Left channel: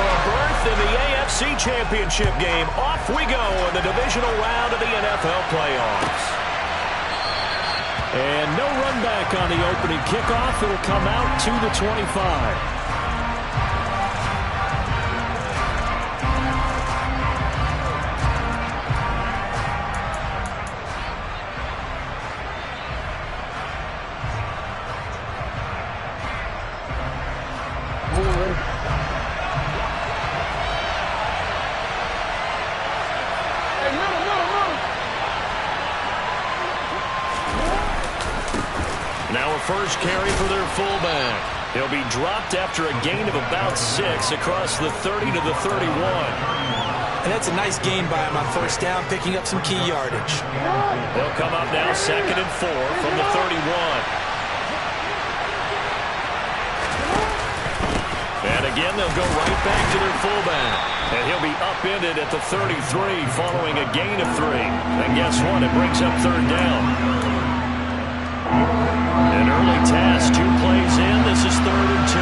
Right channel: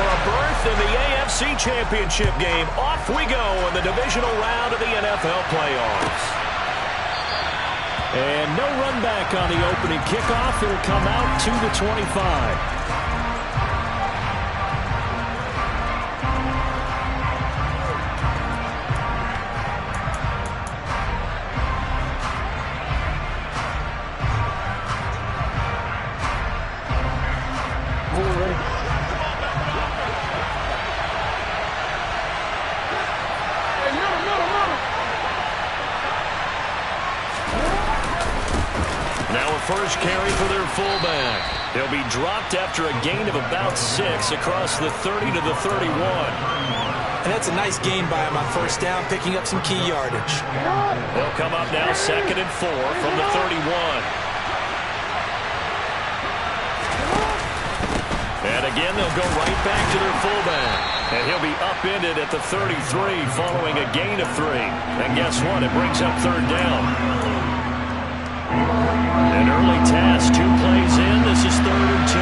a berth in the AFC Championship game. Off we go in the divisional round of the NFL playoffs. And no run back on the opening kickoff. It'll come out to the 25. Now a first carry for their fullback. He'll be dropped after a gain of about 6 across the 30 to the 31. And that's a nice gain by him on first down, picking up some key yardage. They'll come up now 2nd and 4 from the 31. And again, they'll go right back to their fullback. And he'll be upended at the 33 following a gain of 3. And guess what? It brings up 3rd down. An early task, 2 plays in. This is 3rd and 2.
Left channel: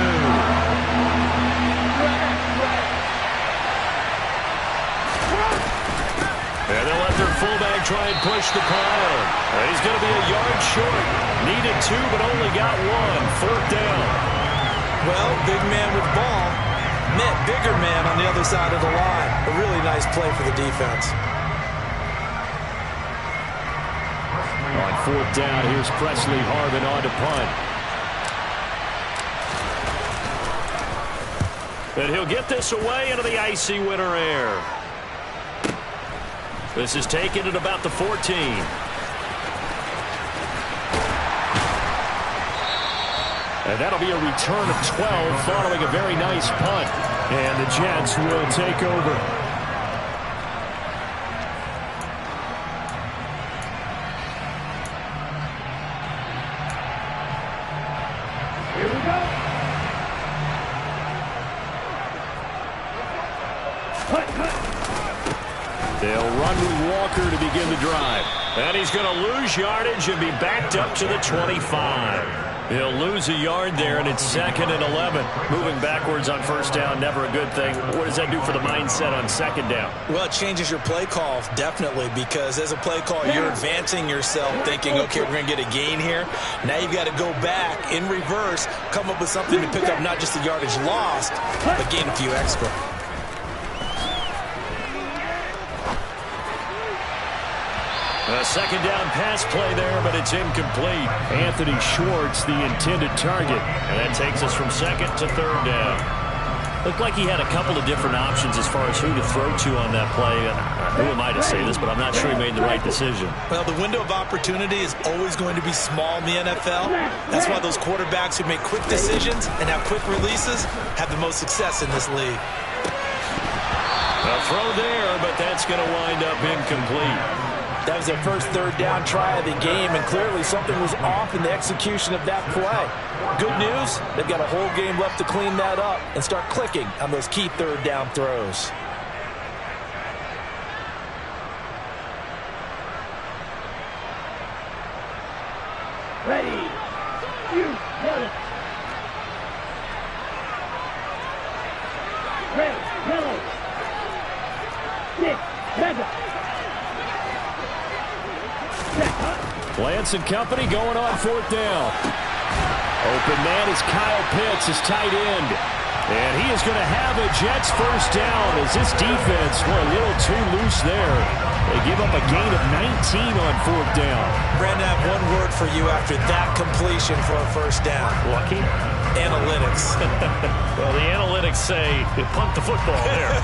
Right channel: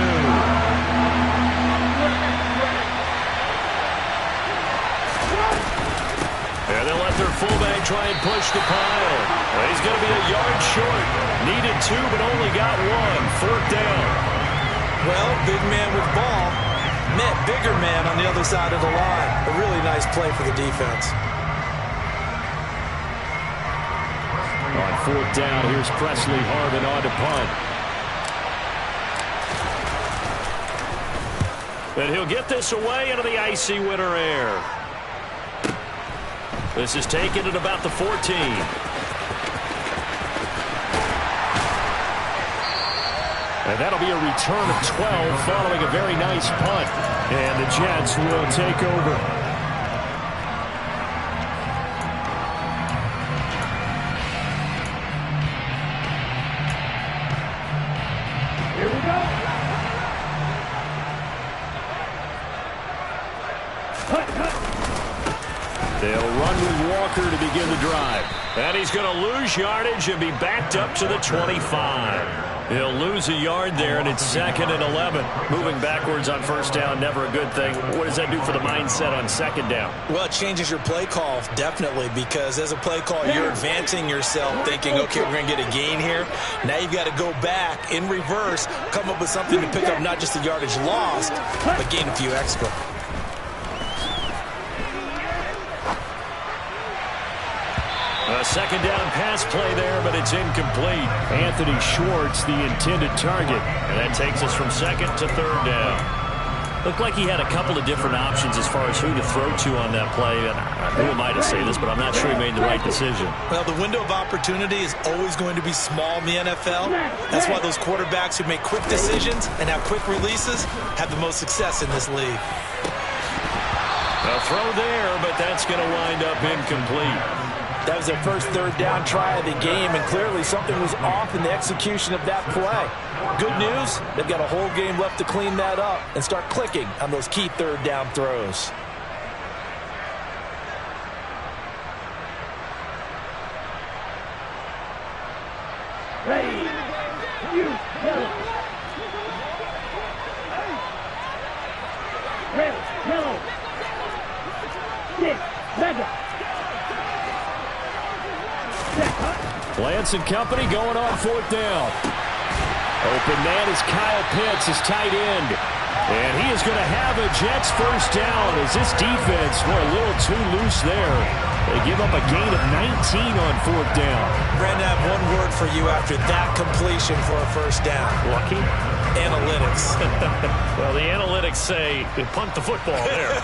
And they'll let their fullback try and push the pile. Well, he's going to be a yard short. Needed 2, but only got 1. 4th down. Well, big man with ball met bigger man on the other side of the line. A really nice play for the defense. On 4th down, here's Presley Harvin on to punt. And he'll get this away into the icy winter air. This is taken at about the 14. And that'll be a return of 12 following a very nice punt. And the Jets will take over. They'll run with Walker to begin the drive. And he's going to lose yardage and be backed up to the 25. He'll lose a yard there, and it's 2nd and 11. Moving backwards on first down, never a good thing. What does that do for the mindset on 2nd down? Well, it changes your play call, definitely, because as a play call, you're advancing yourself, thinking, okay, we're going to get a gain here. Now you've got to go back in reverse, come up with something to pick up not just the yardage lost, but gain a few extra. A 2nd down pass play there, but it's incomplete. Anthony Schwartz, the intended target. And that takes us from 2nd to 3rd down. Looked like he had a couple of different options as far as who to throw to on that play. And who am I to say this, but I'm not sure he made the right decision. Well, the window of opportunity is always going to be small in the NFL. That's why those quarterbacks who make quick decisions and have quick releases have the most success in this league. A throw there, but that's going to wind up incomplete. That was their first 3rd down try of the game, and clearly something was off in the execution of that play. Good news, they've got a whole game left to clean that up and start clicking on those key 3rd down throws. Ready, you yellow. Red, yellow. 6, red. Lance and company going on 4th down. Open man is Kyle Pitts, his tight end. And he is going to have a Jets first down as this defense were a little too loose there. They give up a gain of 19 on 4th down. Brandon, I have one word for you after that completion for a first down. Lucky? Analytics. Well, the analytics say they punt the football there.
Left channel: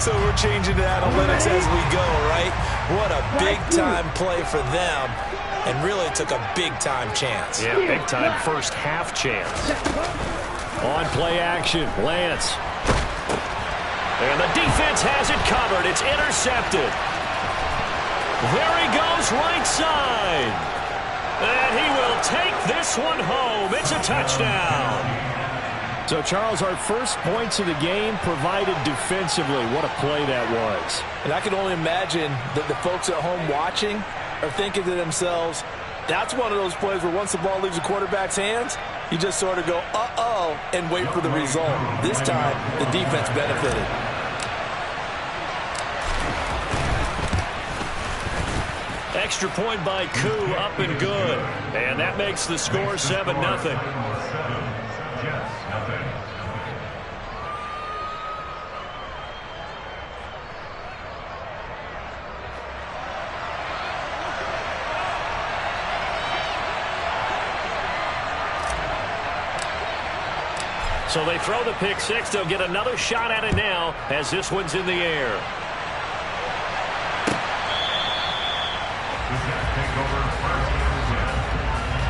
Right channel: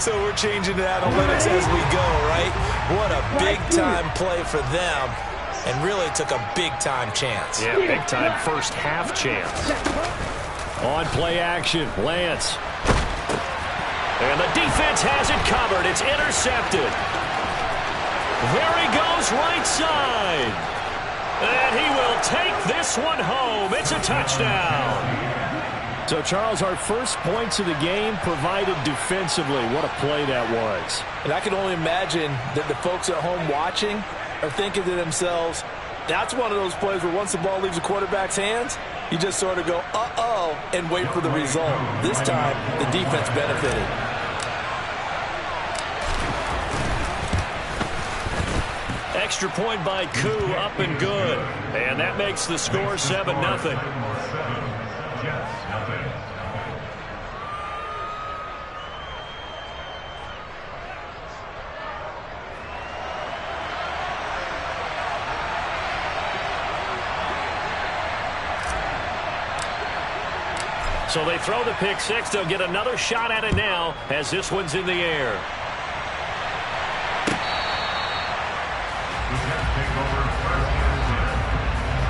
So we're changing to analytics as we go, right? What a big-time play for them, and really took a big-time chance. Yeah, big-time first half chance. On play action, Lance. And the defense has it covered. It's intercepted. There he goes right side. And he will take this one home. It's a touchdown. So, Charles, our first points of the game provided defensively. What a play that was. And I can only imagine that the folks at home watching are thinking to themselves, That's one of those plays where once the ball leaves the quarterback's hands, you just sort of go, uh-oh, and wait for the result. This time, the defense benefited. Extra point by Koo, up and good. And that makes the score 7-0. So they throw the pick six. They'll get another shot at it now as this one's in the air. Take over first and 10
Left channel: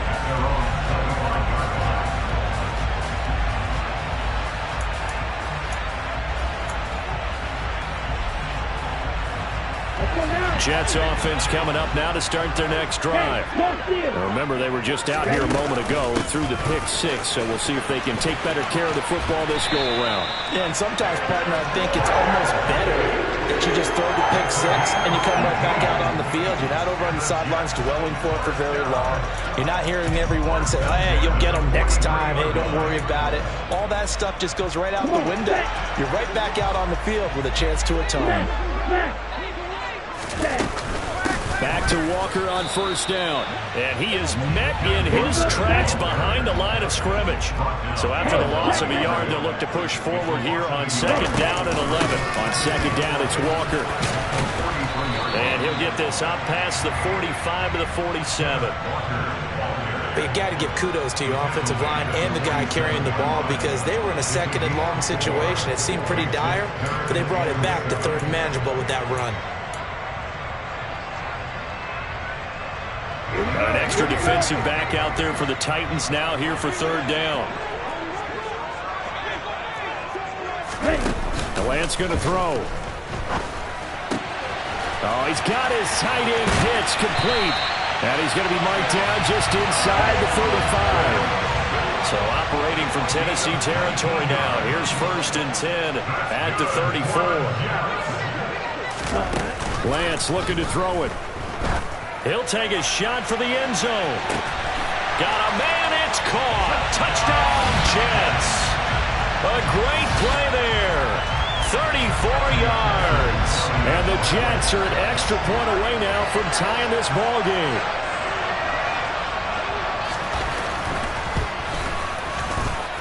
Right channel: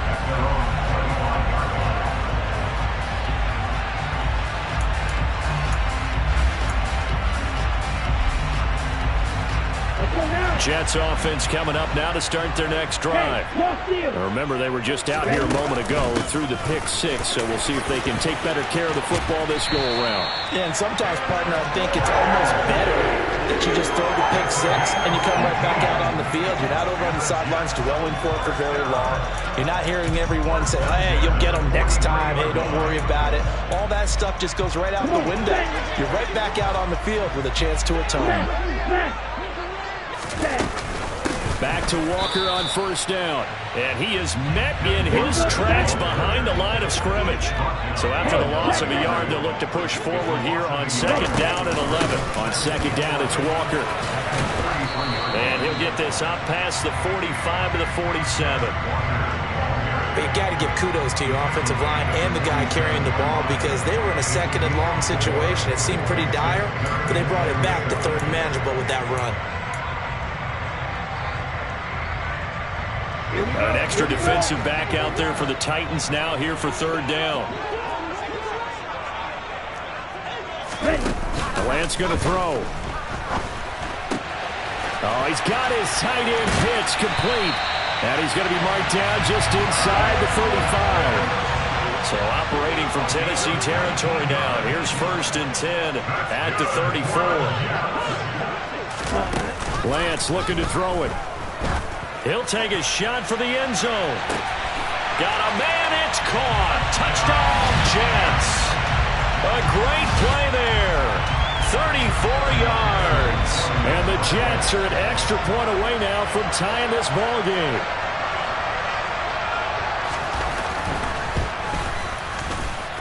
at their own 7-yard line. Jets offense coming up now to start their next drive. Now remember, they were just out here a moment ago through the pick six, so we'll see if they can take better care of the football this go-around. Yeah, and sometimes, partner, I think it's almost better that you just throw the pick six and you come right back out on the field. You're not over on the sidelines dwelling for very long. You're not hearing everyone say, hey, you'll get them next time. Hey, don't worry about it. All that stuff just goes right out the window. You're right back out on the field with a chance to atone. Back to Walker on first down. And he is met in his tracks behind the line of scrimmage. So after the loss of a yard, they'll look to push forward here on second down and 11. On second down, it's Walker. And he'll get this up past the 45 to the 47. But you got to give kudos to your offensive line and the guy carrying the ball because they were in a second and long situation. It seemed pretty dire, but they brought it back to third and manageable with that run. An extra defensive back out there for the Titans now here for third down. Lance going to throw. Oh, he's got his tight end pitch complete. And he's going to be marked down just inside the 35. So operating from Tennessee territory now. Here's first and 10 at the 34. Lance looking to throw it. He'll take a shot for the end zone. Got a man, it's caught. Touchdown, Jets. A great play there. 34 yards. And the Jets are an extra point away now from tying this ball game.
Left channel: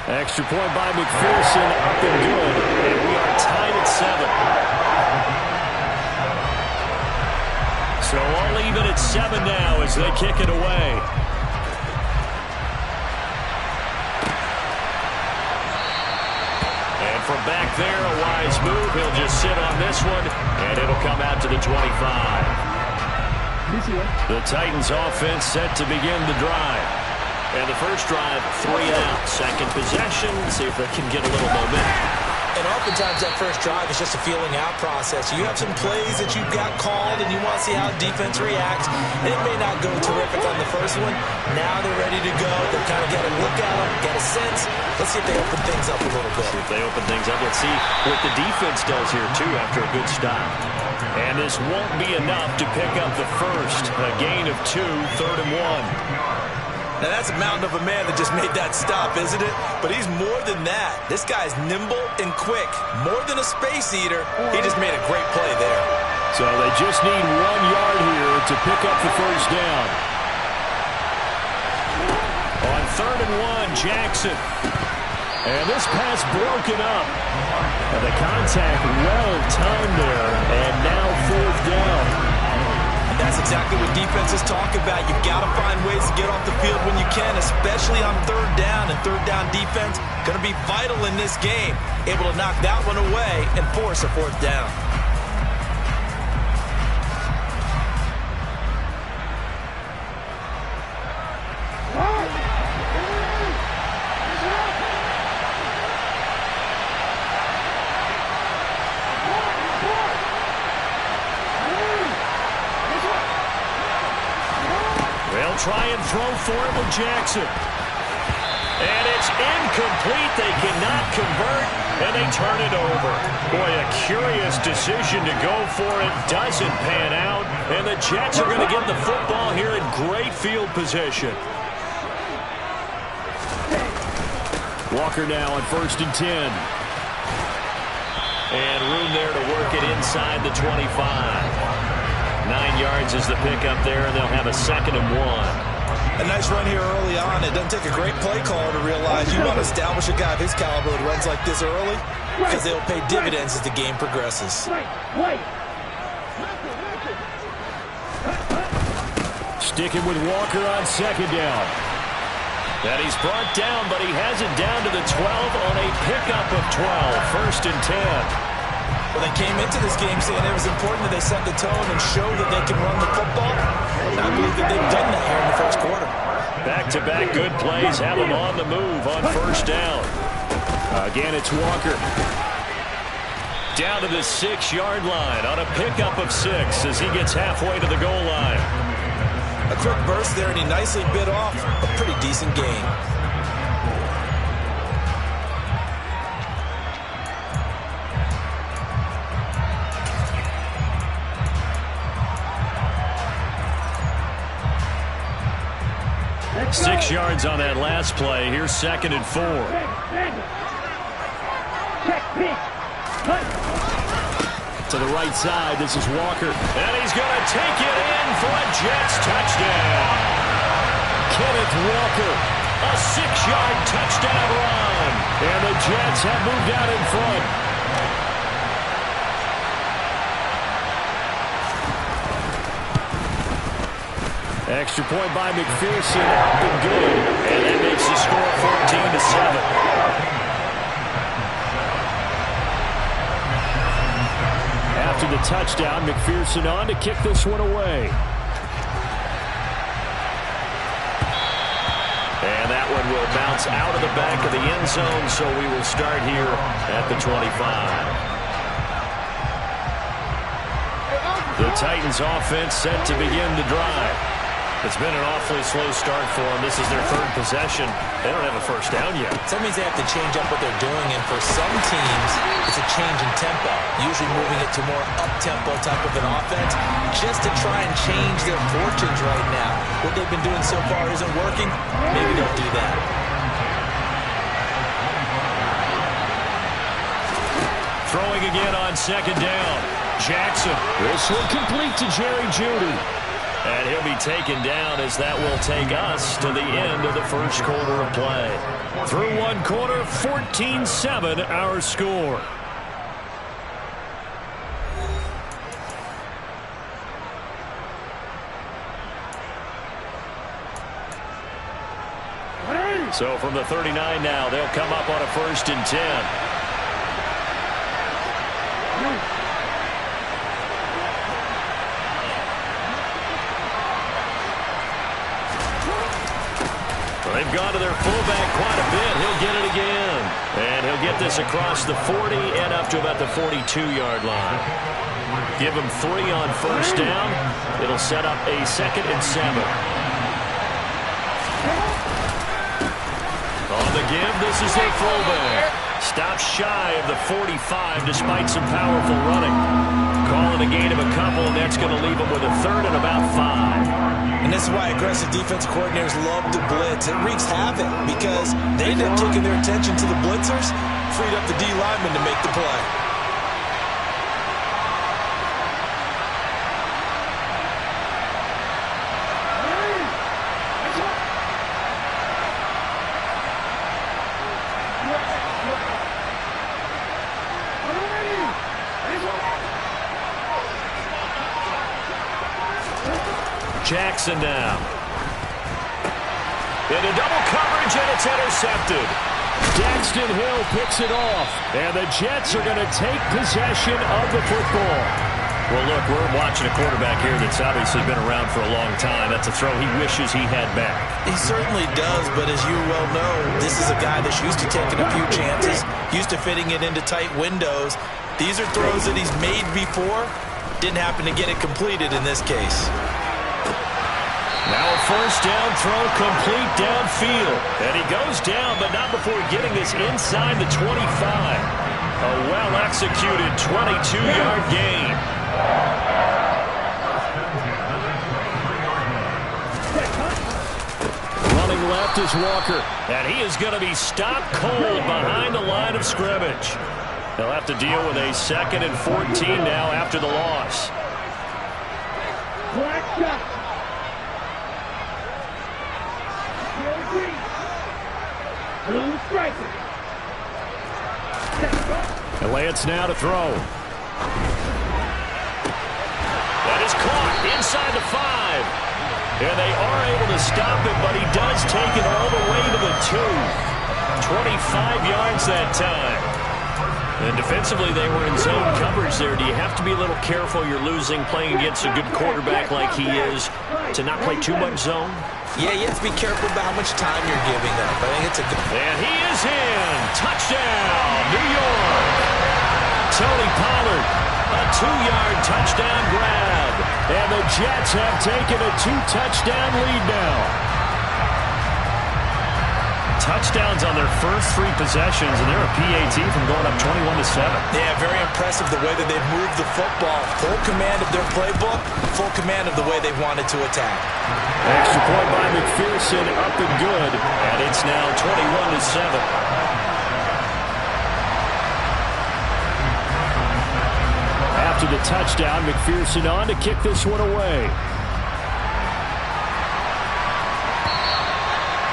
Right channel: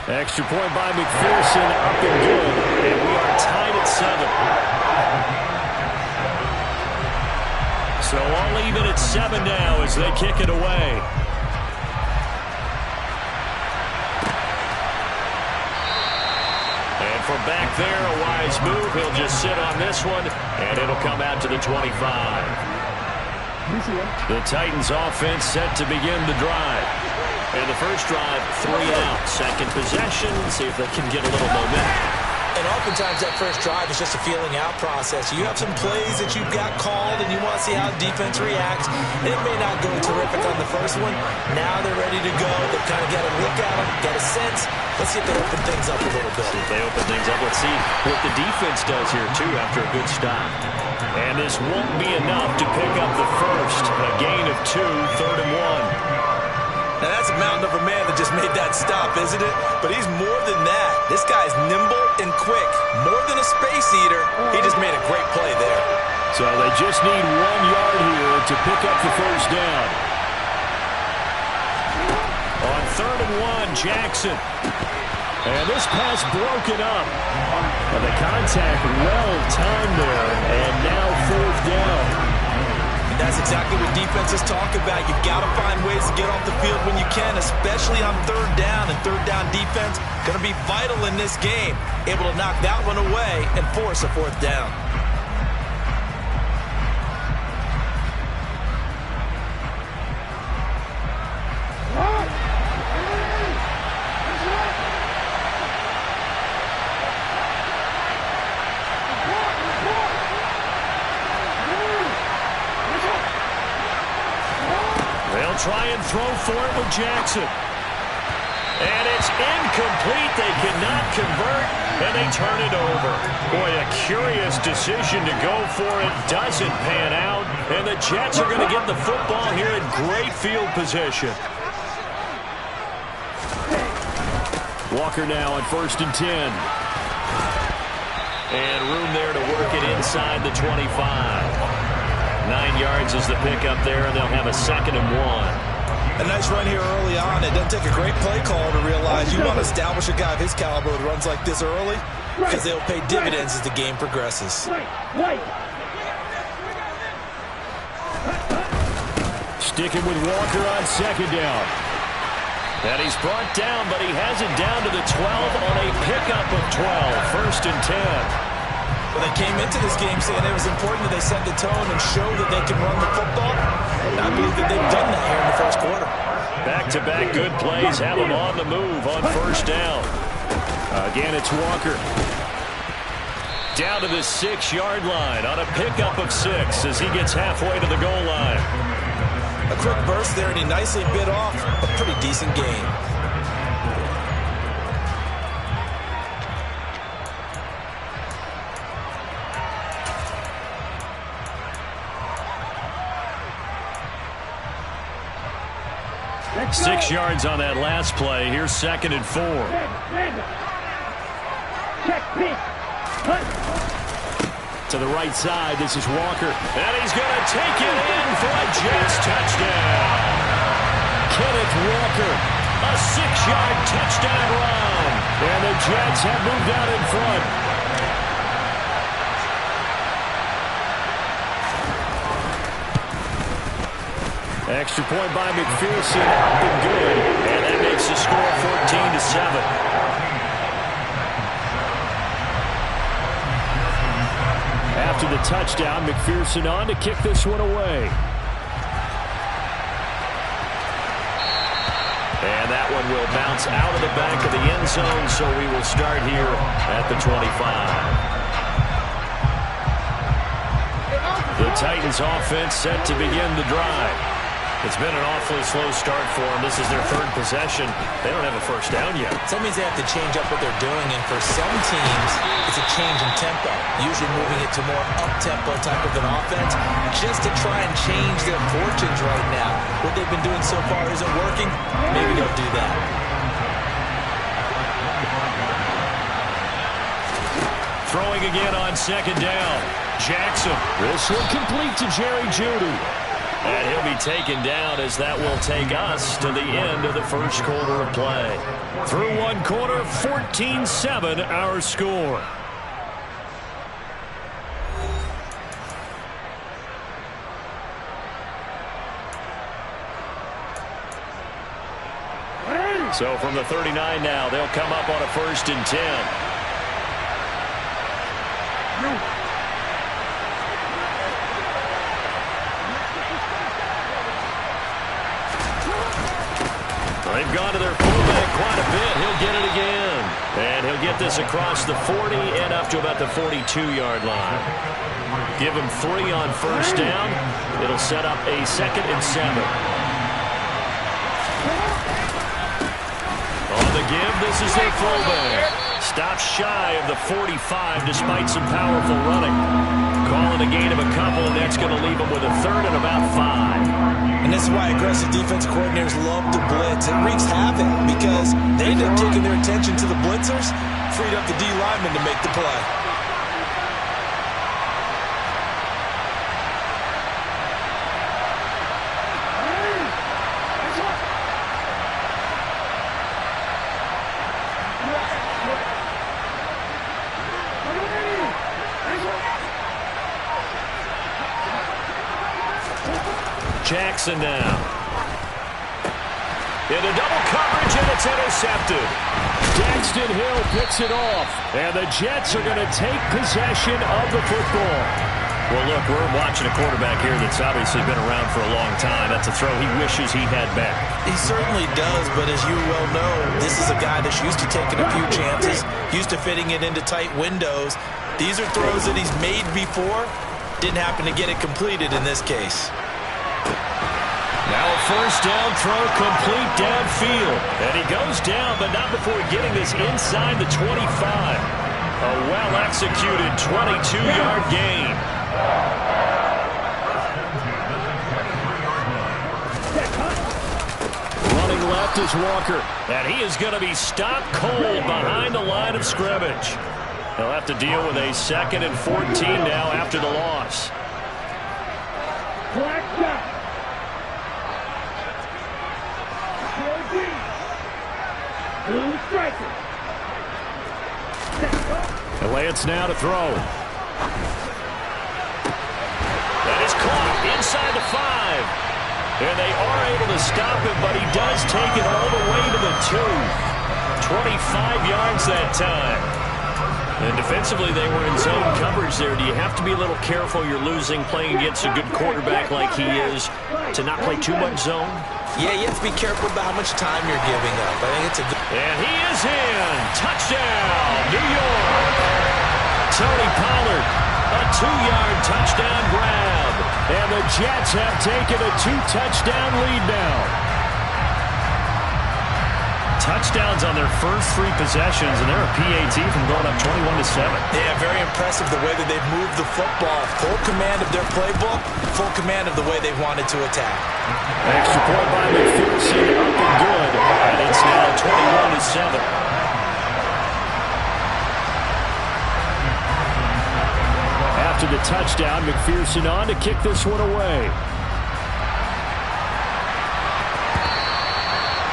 Extra point by McPherson, up and good. And we are tied at 7. So all even at 7 now as they kick it away. And from back there, a wise move. He'll just sit on this one, and it'll come out to the 25. The Titans offense set to begin the drive. And the first drive, 3 and out. Second possession, see if they can get a little momentum. And oftentimes that first drive is just a feeling out process. You have some plays that you've got called and you want to see how defense reacts. It may not go terrific on the first one. Now they're ready to go. They've kind of got a look at them, get a sense. Let's see if they open things up a little bit. See if they open things up. Let's see what the defense does here, too, after a good stop. And this won't be enough to pick up the first. A gain of 2, third and 1. Now, that's a mountain of a man that just made that stop, isn't it? But he's more than that. This guy's nimble and quick. More than a space eater. He just made a great play there. So they just need 1 yard here to pick up the first down. On third and 1, Jackson. And this pass broken up. And the contact well timed there. And now fourth down. That's exactly what defenses talk about. You've got to find ways to get off the field when you can, especially on third down. And third down defense going to be vital in this game. Able to knock that one away and force a fourth down. They'll try and throw for it with Jackson. And It's incomplete. They cannot convert, and they turn it over. Boy, a curious decision to go for it. Doesn't pan out, and the Jets are going to get the football here in great field position. Walker now on 1st and 10. And room there to work it inside the 25. 9 yards is the pickup there, and they'll have a 2nd and 1. A nice run here early on. It doesn't take a great play call to realize you want to establish a guy of his caliber with runs like this early because they'll pay dividends as the game progresses. Sticking with Walker on 2nd down. And he's brought down, but he has it down to the 12 on a pickup of 12. 1st and 10. Well, they came into this game saying it was important that they set the tone and show that they can run the football. And I believe that they've done that here in the first quarter. Back-to-back good plays have them on the move on 1st down. Again, it's Walker. Down to the 6-yard line on a pickup of 6 as he gets halfway to the goal line. A quick burst there, and he nicely bit off a pretty decent gain. Let's 6 go. yards on that last play. Here's 2nd and 4. Check, pitch. Hunt. To the right side, this is Walker. And he's going to take it in for a Jets touchdown. Kenneth Walker, a 6-yard touchdown run. And the Jets have moved out in front. Extra point by McPherson, up and good. And that makes the score 14-7. After the touchdown, McPherson on to kick this one away. And that one will bounce out of the back of the end zone, so we will start here at the 25. The Titans offense set to begin the drive. It's been an awfully slow start for them. This is their 3rd possession. They don't have a 1st down yet. So that means they have to change up what they're doing, and for some teams, it's a change in tempo, usually moving it to more up-tempo type of an offense, just to try and change their fortunes right now. What they've been doing so far isn't working. Maybe they'll do that. Throwing again on 2nd down. Jackson. This one complete to Jerry Jeudy. And he'll be taken down as that will take us to the end of the first quarter of play. Through one quarter, 14-7 our score. So from the 39 now, they'll come up on a 1st and 10. They've gone to their fullback quite a bit. He'll get it again. And he'll get this across the 40 and up to about the 42-yard line. Give him 3 on 1st down. It'll set up a 2nd and 7. On the give, this is their fullback. Stops shy of the 45 despite some powerful running. Calling a gain of a couple, and that's going to leave them with a 3rd and about 5. And this is why aggressive defensive coordinators love to blitz. It wreaks havoc because they end up taking their attention to the blitzers, freed up the D lineman to make the play. Jackson now. Into double coverage, and it's intercepted. Daxton Hill picks it off, and the Jets are going to take possession of the football. Well, look, we're watching a quarterback here that's obviously been around for a long time. That's a throw he wishes he had back. He certainly does, but as you well know, this is a guy that's used to taking a few chances, used to fitting it into tight windows. These are throws that he's made before. Didn't happen to get it completed in this case. Now a first down throw, complete downfield. And he goes down, but not before getting this inside the 25. A well-executed 22-yard gain. Running left is Walker. And he is going to be stopped cold behind the line of scrimmage. They'll have to deal with a 2nd and 14 now after the loss. Black shot. Blue striker. And Lance now to throw. That is caught inside the 5. And they are able to stop him, but he does take it all the way to the 2. 25 yards that time. And defensively, they were in zone coverage there. Do you have to be a little careful? You're losing playing against a good quarterback like he is to not play too much zone? Yeah, you have to be careful about how much time you're giving up. I think it's a good... And he is in. Touchdown, New York. Tony Pollard, a 2-yard touchdown grab. And the Jets have taken a 2-touchdown lead now. Touchdowns on their first 3 possessions, and they're a PAT from going up 21-7. Yeah, very impressive the way that they've moved the football. Full command of their playbook, full command of the way they've wanted to attack. Extra point by McPherson, up and good, and it's now 21-7. After the touchdown, McPherson on to kick this one away.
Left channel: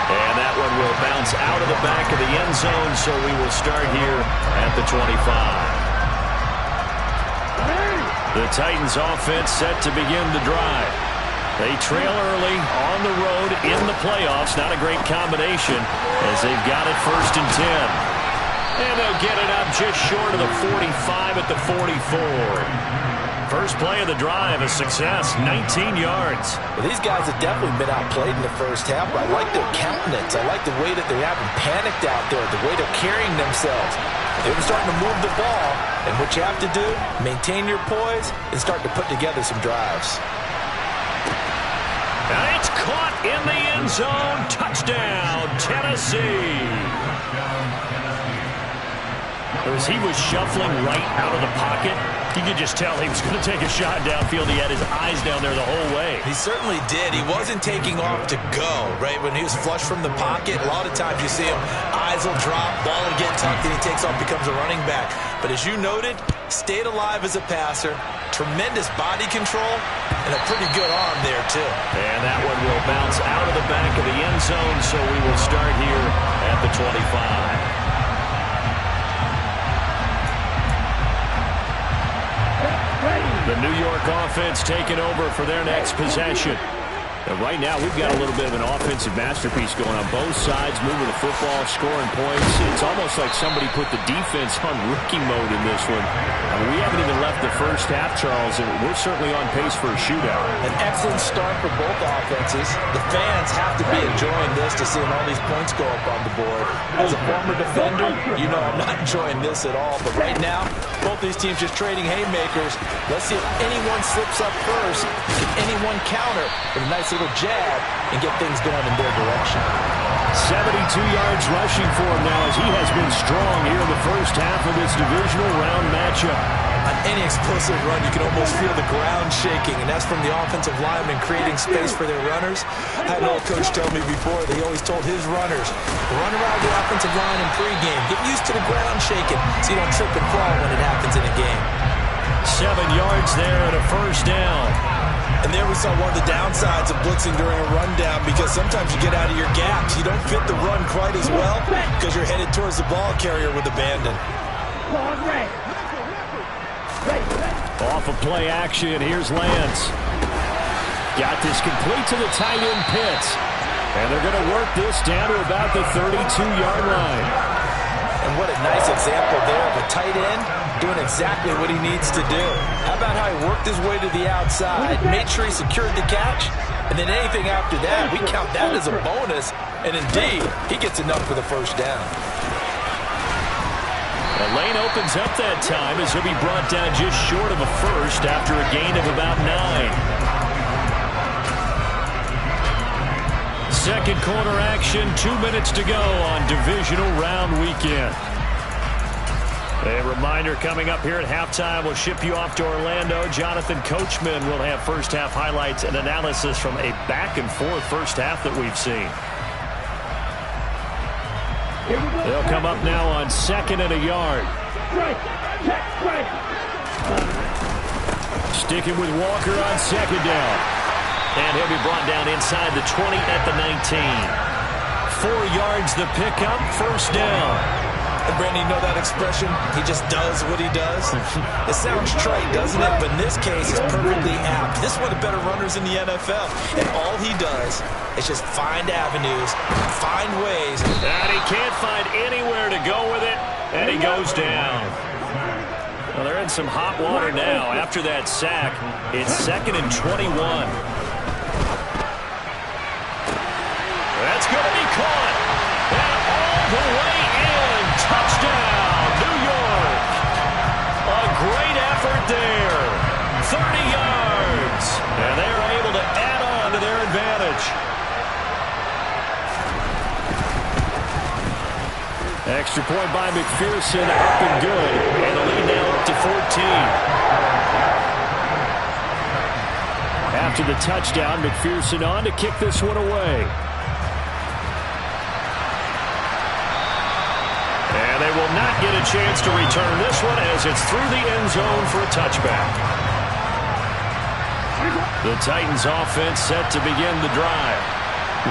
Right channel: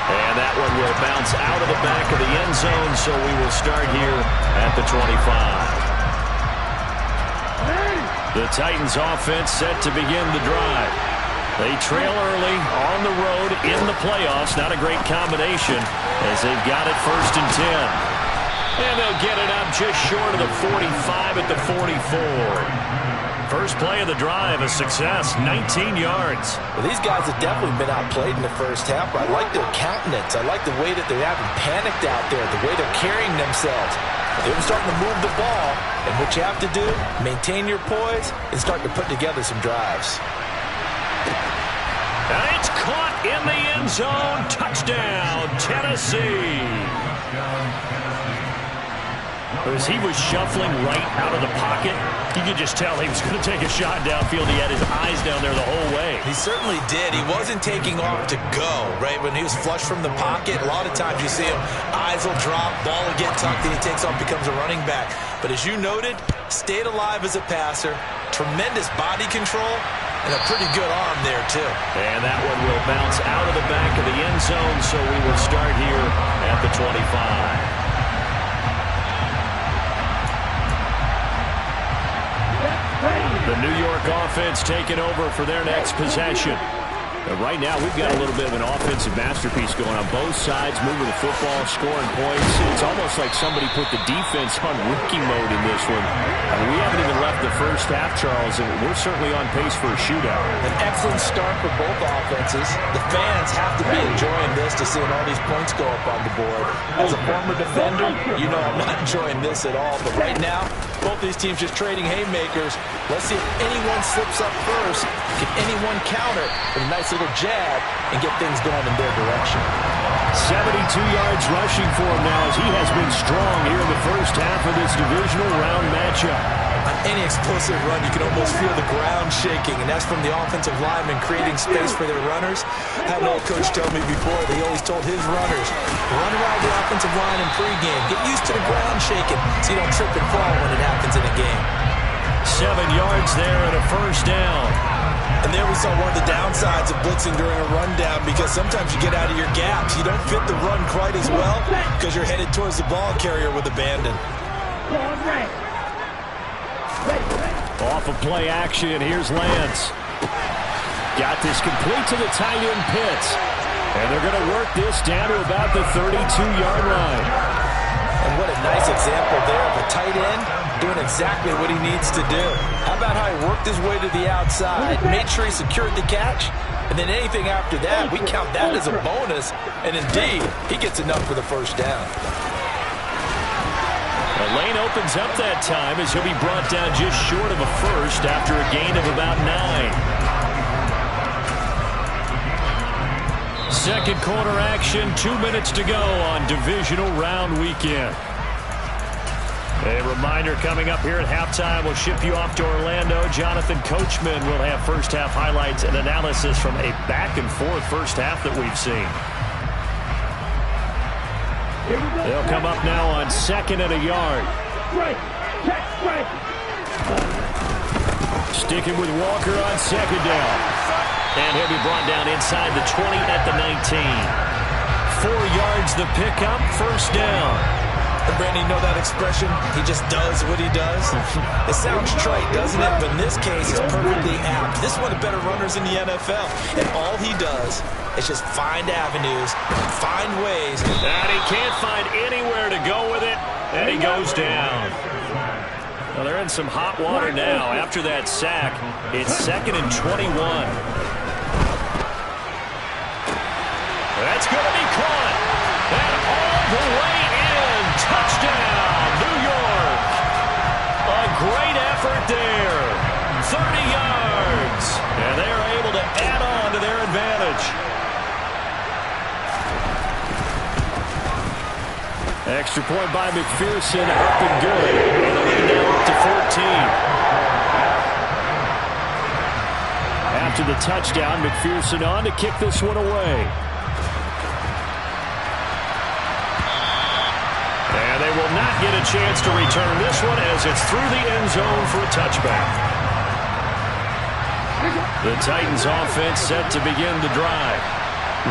And that one will bounce out of the back of the end zone, so we will start here at the 25. The Titans offense set to begin the drive. They trail early on the road in the playoffs. Not a great combination as they've got it 1st and 10. And they'll get it up just short of the 45 at the 44. First play of the drive, a success, 19 yards. Well, these guys have definitely been outplayed in the first half, but I like their countenance. I like the way that they haven't panicked out there, the way they're carrying themselves. They're starting to move the ball, and what you have to do, maintain your poise and start to put together some drives. And it's caught in the end zone. Touchdown, Tennessee. As he was shuffling right out of the pocket, you could just tell he was going to take a shot downfield. He had his eyes down there the whole way. He certainly did. He wasn't taking off to go, right? When he was flush from the pocket, a lot of times you see him, eyes will drop, ball will get tucked, and he takes off, becomes a running back. But as you noted, stayed alive as a passer, tremendous body control, and a pretty good arm there, too. And that one will bounce out of the back of the end zone, so we will start here at the 25. The New York offense taking over for their next possession. Right now, we've got a little bit of an offensive masterpiece going on both sides, moving the football, scoring points. It's almost like somebody put the defense on rookie mode in this one. I mean, we haven't even left the first half, Charles, and we're certainly on pace for a shootout. An excellent start for both offenses. The fans have to be enjoying this to seeing all these points go up on the board. As a former defender, you know I'm not enjoying this at all. But right now, both these teams just trading haymakers. Let's see if anyone slips up first. Can anyone counter with a nice little jab and get things going in their direction? 72 yards rushing for him now as he has been strong here in the first half of this divisional round matchup. On any explosive run, you can almost feel the ground shaking, and that's from the offensive linemen creating space for their runners. I had an old coach tell me before that he always told his runners, run around the offensive line in pregame. Get used to the ground shaking so you don't trip and fall when it happens in a game. 7 yards there and a first down. And there we saw one of the downsides of blitzing during a rundown, because sometimes you get out of your gaps. You don't fit the run quite as well because you're headed towards the ball carrier with abandon. Off of play action, here's Lance. Got this complete to the tight end Pitts. And they're going to work this down to about the 32-yard line. And what a nice example there of a tight end doing exactly what he needs to do. How about how he worked his way to the outside, made sure he secured the catch, and then anything after that, we count that as a bonus. And indeed, he gets enough for the first down. The lane opens up that time as he'll be brought down just short of a first after a gain of about 9. second quarter action. 2 minutes to go on divisional round weekend. A reminder coming up here at halftime. We'll ship you off to Orlando. Jonathan Coachman will have first half highlights and analysis from a back and forth first half that we've seen. They'll come up now on 2nd and a yard. Sticking with Walker on 2nd down. And he'll be brought down inside the 20 at the 19. 4 yards the pickup, first down. Brandon, you know that expression? He just does what he does. It sounds trite, doesn't it? But in this case, it's perfectly apt. This is one of the better runners in the NFL. And all he does is just find avenues, find ways. And he can't find anywhere to go with it. And he goes down. Well, they're in some hot water now. After that sack, it's 2nd and 21. That's going to be caught. And all the way in. Touchdown, New York. A great effort there. 30 yards. And they're able to add on to their advantage. Extra point by McPherson, up and good. And the lead now up to 14. After the touchdown, McPherson on to kick this one away. And they will not get a chance to return this one as it's through the end zone for a touchback. The Titans offense set to begin the drive.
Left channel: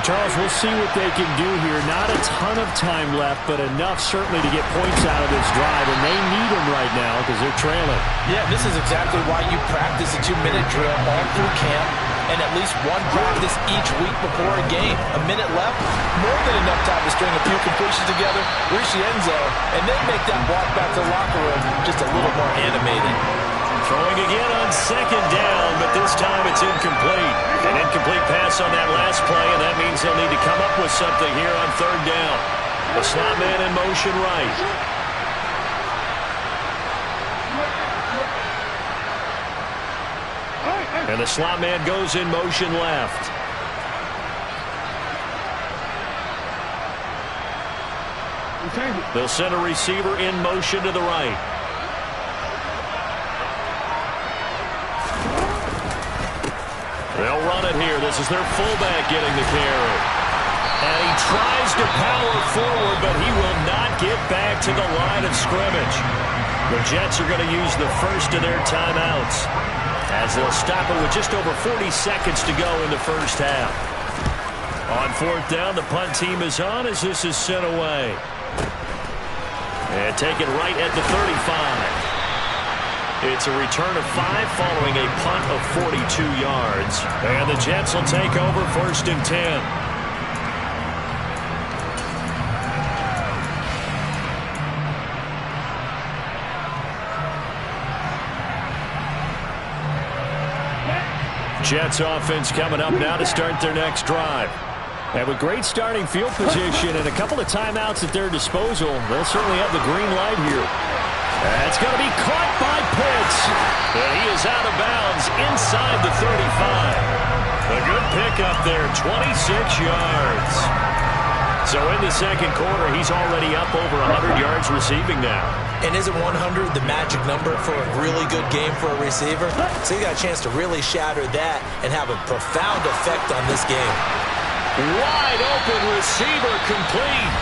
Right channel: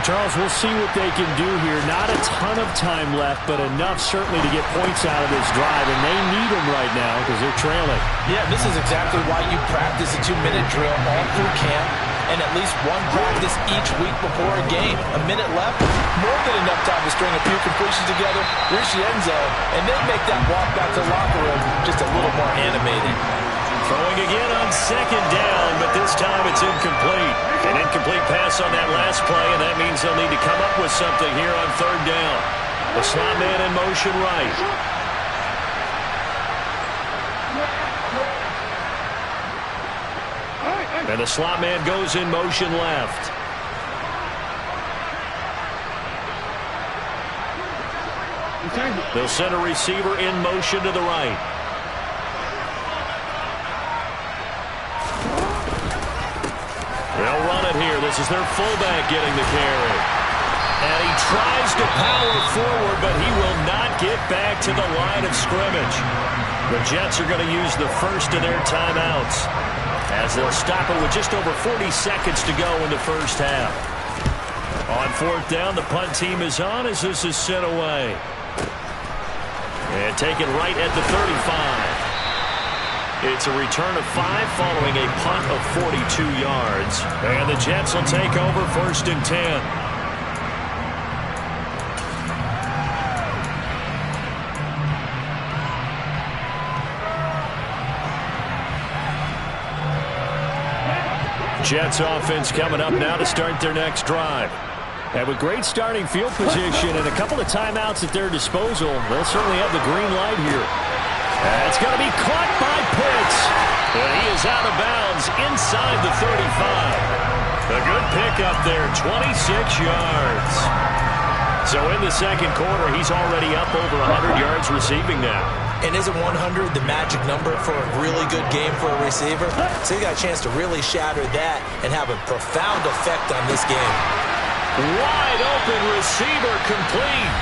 Charles, we'll see what they can do here. Not a ton of time left, but enough certainly to get points out of this drive, and they need them right now because they're trailing. Yeah, this is exactly why you practice a 2-minute drill all through camp and at least one practice each week before a game. A minute left, more than enough time to string a few completions together, reach the end zone, and then make that walk back to the locker room just a little more animated. Throwing again on 2nd down, but this time it's incomplete. An incomplete pass on that last play, and that means they'll need to come up with something here on 3rd down. The slot man in motion right. And the slot man goes in motion left. They'll send a receiver in motion to the right. They'll run it here. This is their fullback getting the carry. And he tries to power forward, but he will not get back to the line of scrimmage. The Jets are going to use the first of their timeouts as they'll stop it with just over 40 seconds to go in the first half. On 4th down, the punt team is on as this is sent away. And taken right at the 35. It's a return of 5 following a punt of 42 yards. And the Jets will take over 1st and 10. Jets offense coming up now to start their next drive. And with great starting field position and a couple of timeouts at their disposal, they'll certainly have the green light here. It's going to be caught by Pitts. And he is out of bounds inside the 35. A good pickup there, 26 yards. So in the second quarter, he's already up over 100 yards receiving now. And isn't 100 the magic number for a really good game for a receiver? So you got a chance to really shatter that and have a profound effect on this game. Wide open receiver complete.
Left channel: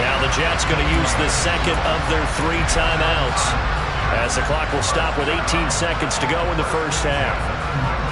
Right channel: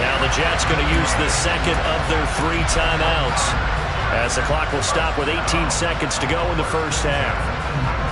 Now the Jets going to use the second of their 3 timeouts as the clock will stop with 18 seconds to go in the first half.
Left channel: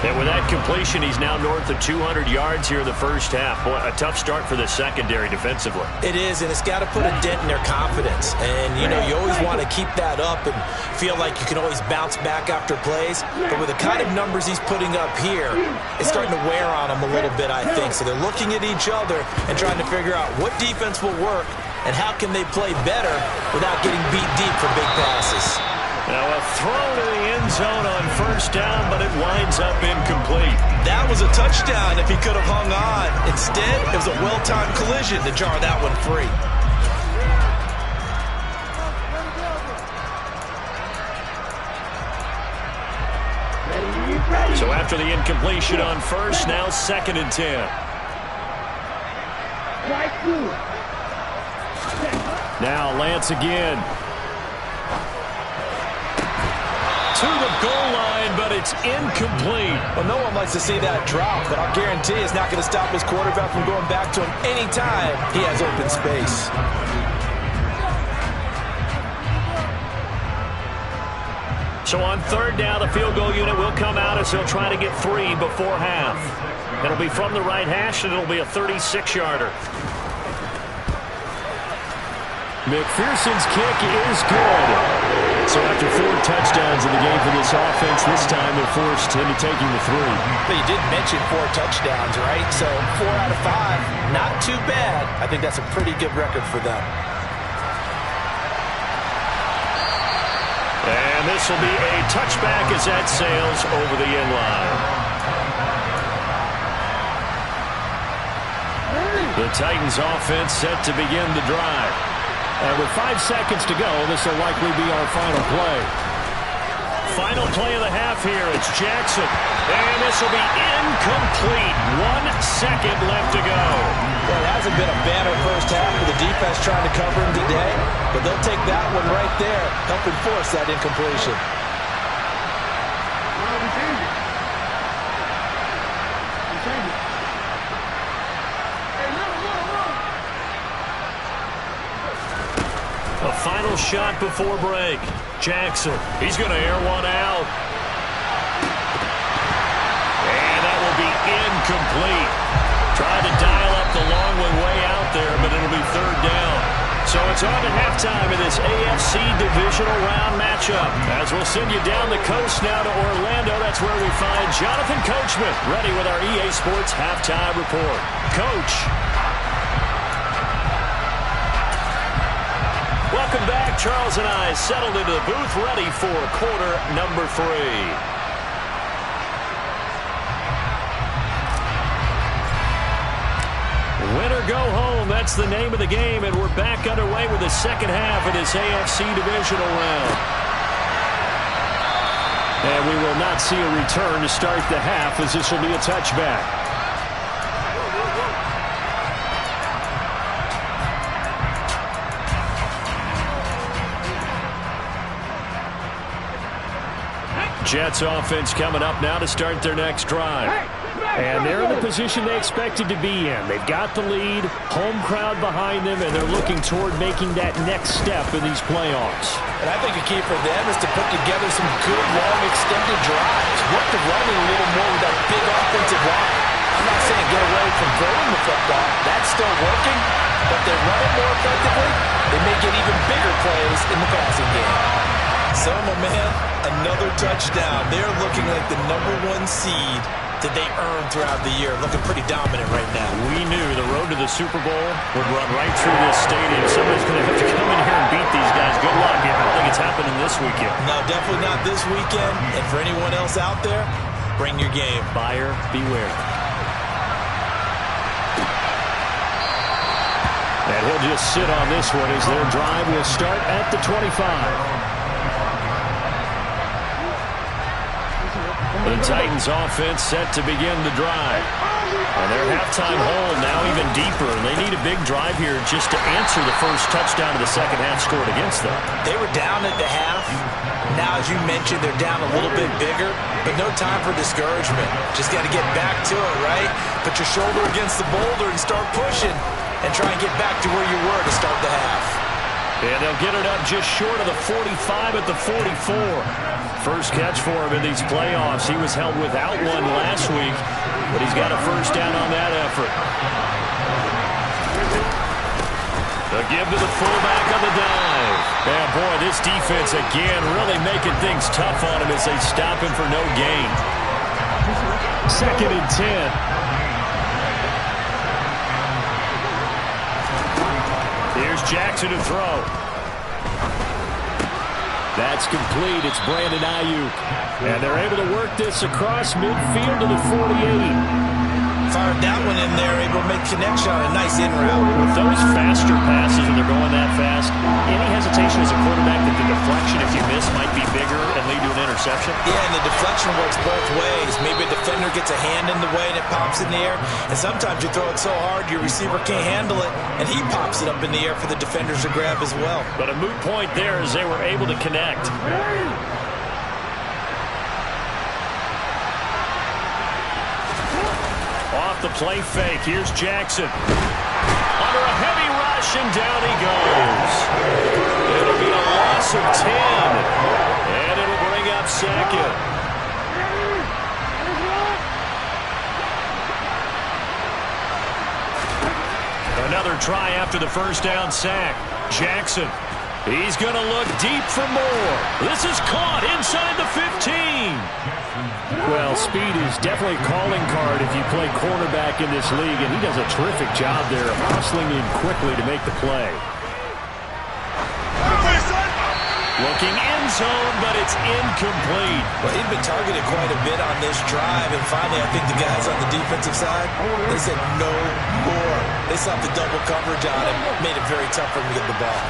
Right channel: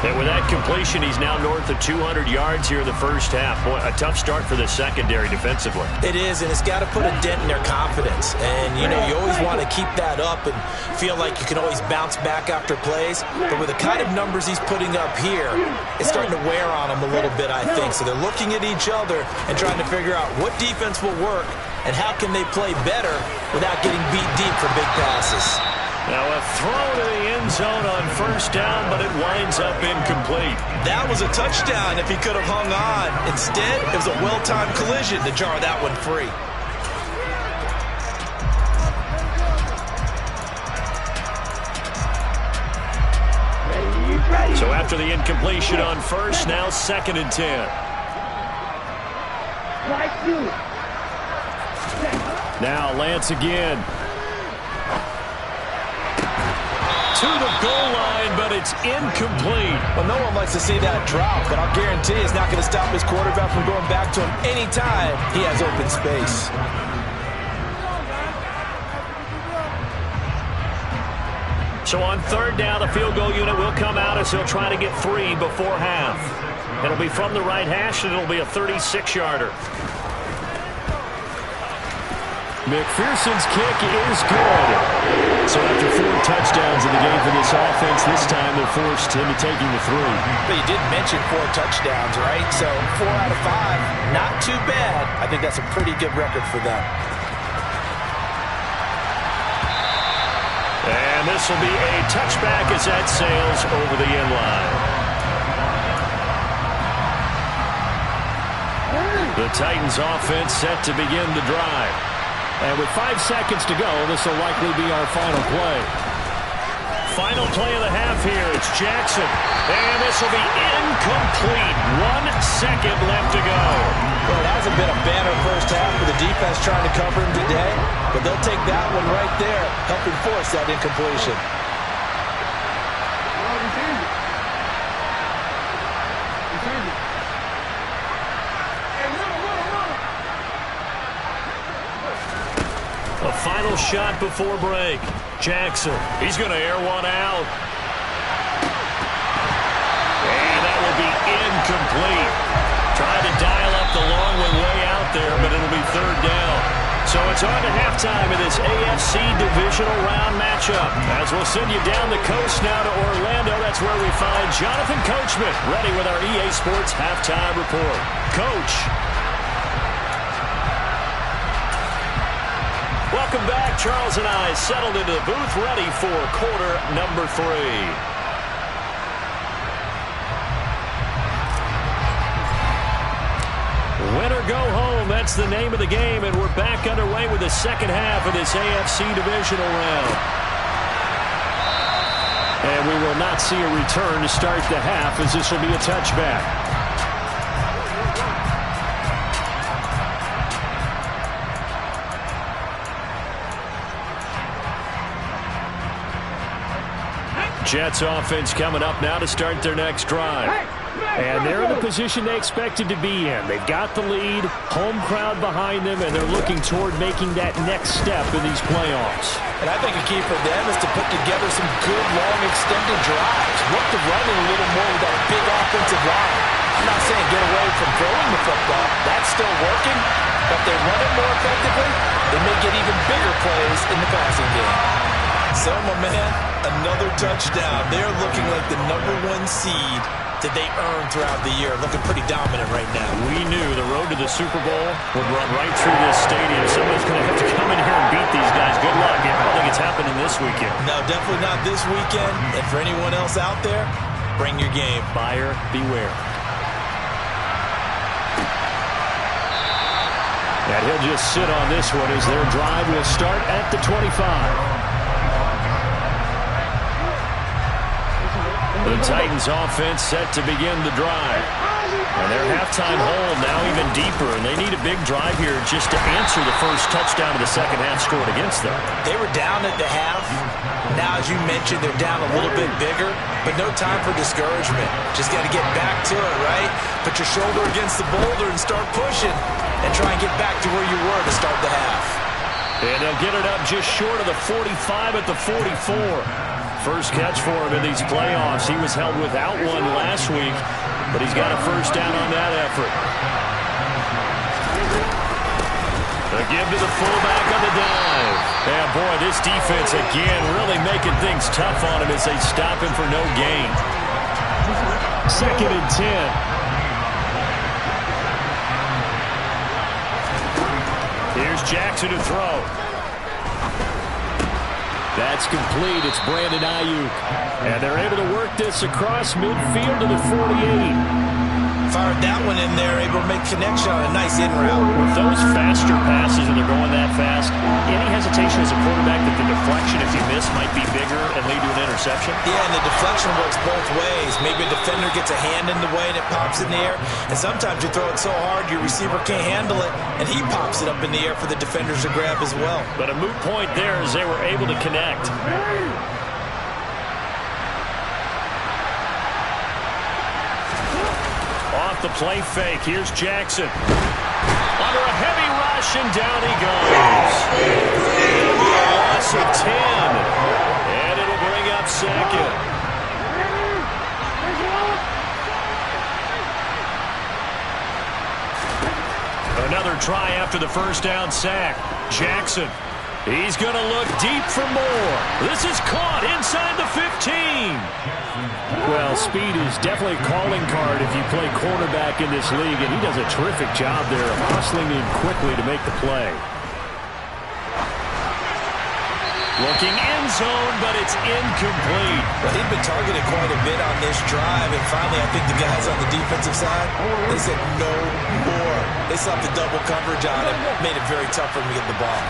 And with that completion, he's now north of 200 yards here in the first half. Boy, a tough start for the secondary defensively. It is, and it's got to put a dent in their confidence. And, you know, you always want to keep that up and feel like you can always bounce back after plays. But with the kind of numbers he's putting up here, it's starting to wear on them a little bit, I think. So they're looking at each other and trying to figure out what defense will work and how can they play better without getting beat deep for big passes. Now a throw to the end zone on first down, but it winds up incomplete. That was a touchdown if he could have hung on. Instead, it was a well-timed collision to jar that one free. So after the incompletion on first, now 2nd and 10. Twice two. Now Lance again. To the goal line, but it's incomplete. Well, no one likes to see that drop, but I'll guarantee it's not going to stop his quarterback from going back to him anytime he has open space. So on third down, the field goal unit will come out as he'll try to get 3 before half. It'll be from the right hash, and it'll be a 36-yarder. McPherson's kick is good. So after 4 touchdowns in the game for this offense, this time they're forced into taking the 3. But you did mention 4 touchdowns, right? So 4 out of 5, not too bad. I think that's a pretty good record for them. And this will be a touchback as that sails over the end line. The Titans offense set to begin the drive. And with 5 seconds to go, this will likely be our final play. Final play of the half here. It's Jackson. And this will be incomplete. 1 second left to go. Well, it hasn't been a banner first half with the defense trying to cover him today. But they'll take that one right there, helping force that incompletion. A final shot before break. Jackson, he's going to air one out. And that will be incomplete. Tried to dial up the long one way out there, but it'll be third down. So it's on to halftime in this AFC divisional round matchup. As we'll send you down the coast now to Orlando, that's where we find Jonathan Coachman, ready with our EA Sports halftime report. Coach. Welcome back. Charles and I settled into the booth, ready for quarter number 3. Win or go home, that's the name of the game, and we're back underway with the second half of this AFC divisional round. And we will not see a return to start the half, as this will be a touchback. Jets offense coming up now to start their next drive. And they're in the position they expected to be in. They've got the lead, home crowd behind them, and they're looking toward making that next step in these playoffs. And I think a key for them is to put together some good, long, extended drives. Work the running a little more with that big offensive line. I'm not saying get away from throwing the football. That's still working. But if they run it more effectively, they may get even bigger plays in the passing game. So, my man, another touchdown. They're looking like the #1 seed that they earned throughout the year. Looking pretty dominant right now. We knew the road to the Super Bowl would run right through this stadium. Somebody's going to have to come in here and beat these guys. Good luck. I don't think it's happening this weekend. No, definitely not this weekend. And for anyone else out there, bring your game. Buyer beware. And he'll just sit on this one as their drive will start at the 25. The Titans offense set to begin the drive. And their halftime hole now even deeper, and they need a big drive here just to answer the first touchdown of the second half scored against them. They were down at the half. Now, as you mentioned, they're down a little bit bigger, but no time for discouragement. Just got to get back to it, right? Put your shoulder against the boulder and start pushing and try and get back to where you were to start the half. And they'll get it up just short of the 45 at the 44. First catch for him in these playoffs. He was held without one last week, but he's got a first down on that effort. A give to the fullback on the dive. And boy, this defense again really making things tough on him as they stop him for no gain. 2nd and 10. Here's Jackson to throw. That's complete. It's Brandon Ayuk. And they're able to work this across midfield to the 48. Fired that one in there, able to make connection on a nice in route. With those faster passes, and they're going that fast, any hesitation as a quarterback that the deflection deflection, if you miss, might be bigger and lead to an interception? Yeah, and the deflection works both ways. Maybe a defender gets a hand in the way and it pops in the air. And sometimes you throw it so hard your receiver can't handle it, and he pops it up in the air for the defenders to grab as well. But a moot point there as they were able to connect. Off the play fake. Here's Jackson. Under a heavy rush, and down he goes. It'll be a loss of 10. And it'll bring up second. Another try after the first down sack. Jackson. He's going to look deep for more. This is caught inside the 15. Well, speed is definitely a calling card if you play cornerback in this league, and he does a terrific job there of hustling in quickly to make the play. Looking end zone, but it's incomplete. Well, he'd been targeted quite a bit on this drive, and finally I think the guys on the defensive side, they said no more. They slapped the double coverage on him, made it very tough for him to get the ball.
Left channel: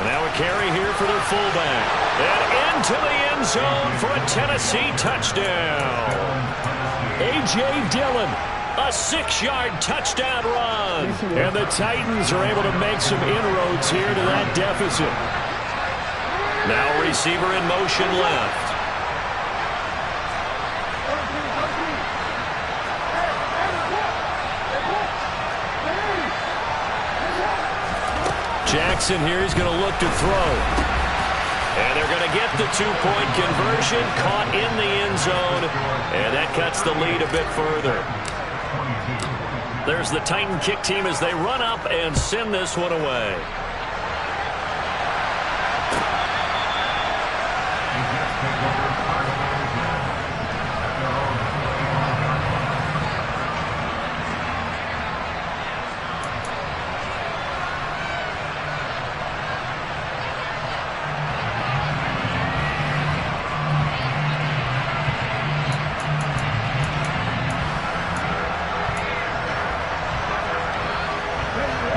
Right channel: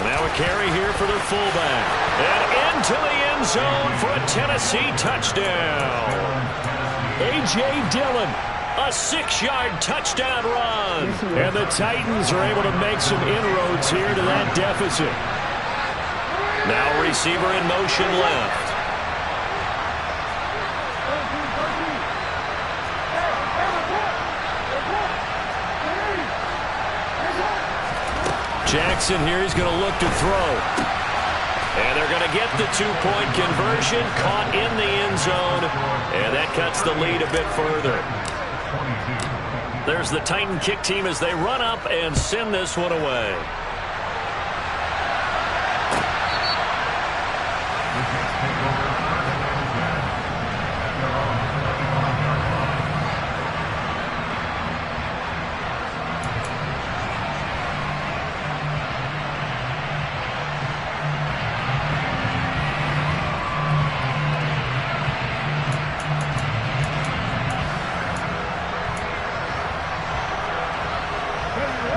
And now a carry here for their fullback. And into the end zone for a Tennessee touchdown. A.J. Dillon, a 6-yard touchdown run. And the Titans are able to make some inroads here to that deficit. Now receiver in motion left. Jackson here, he's going to look to throw. And they're going to get the 2-point conversion, caught in the end zone, and that cuts the lead a bit further. There's the Titan kick team as they run up and send this one away.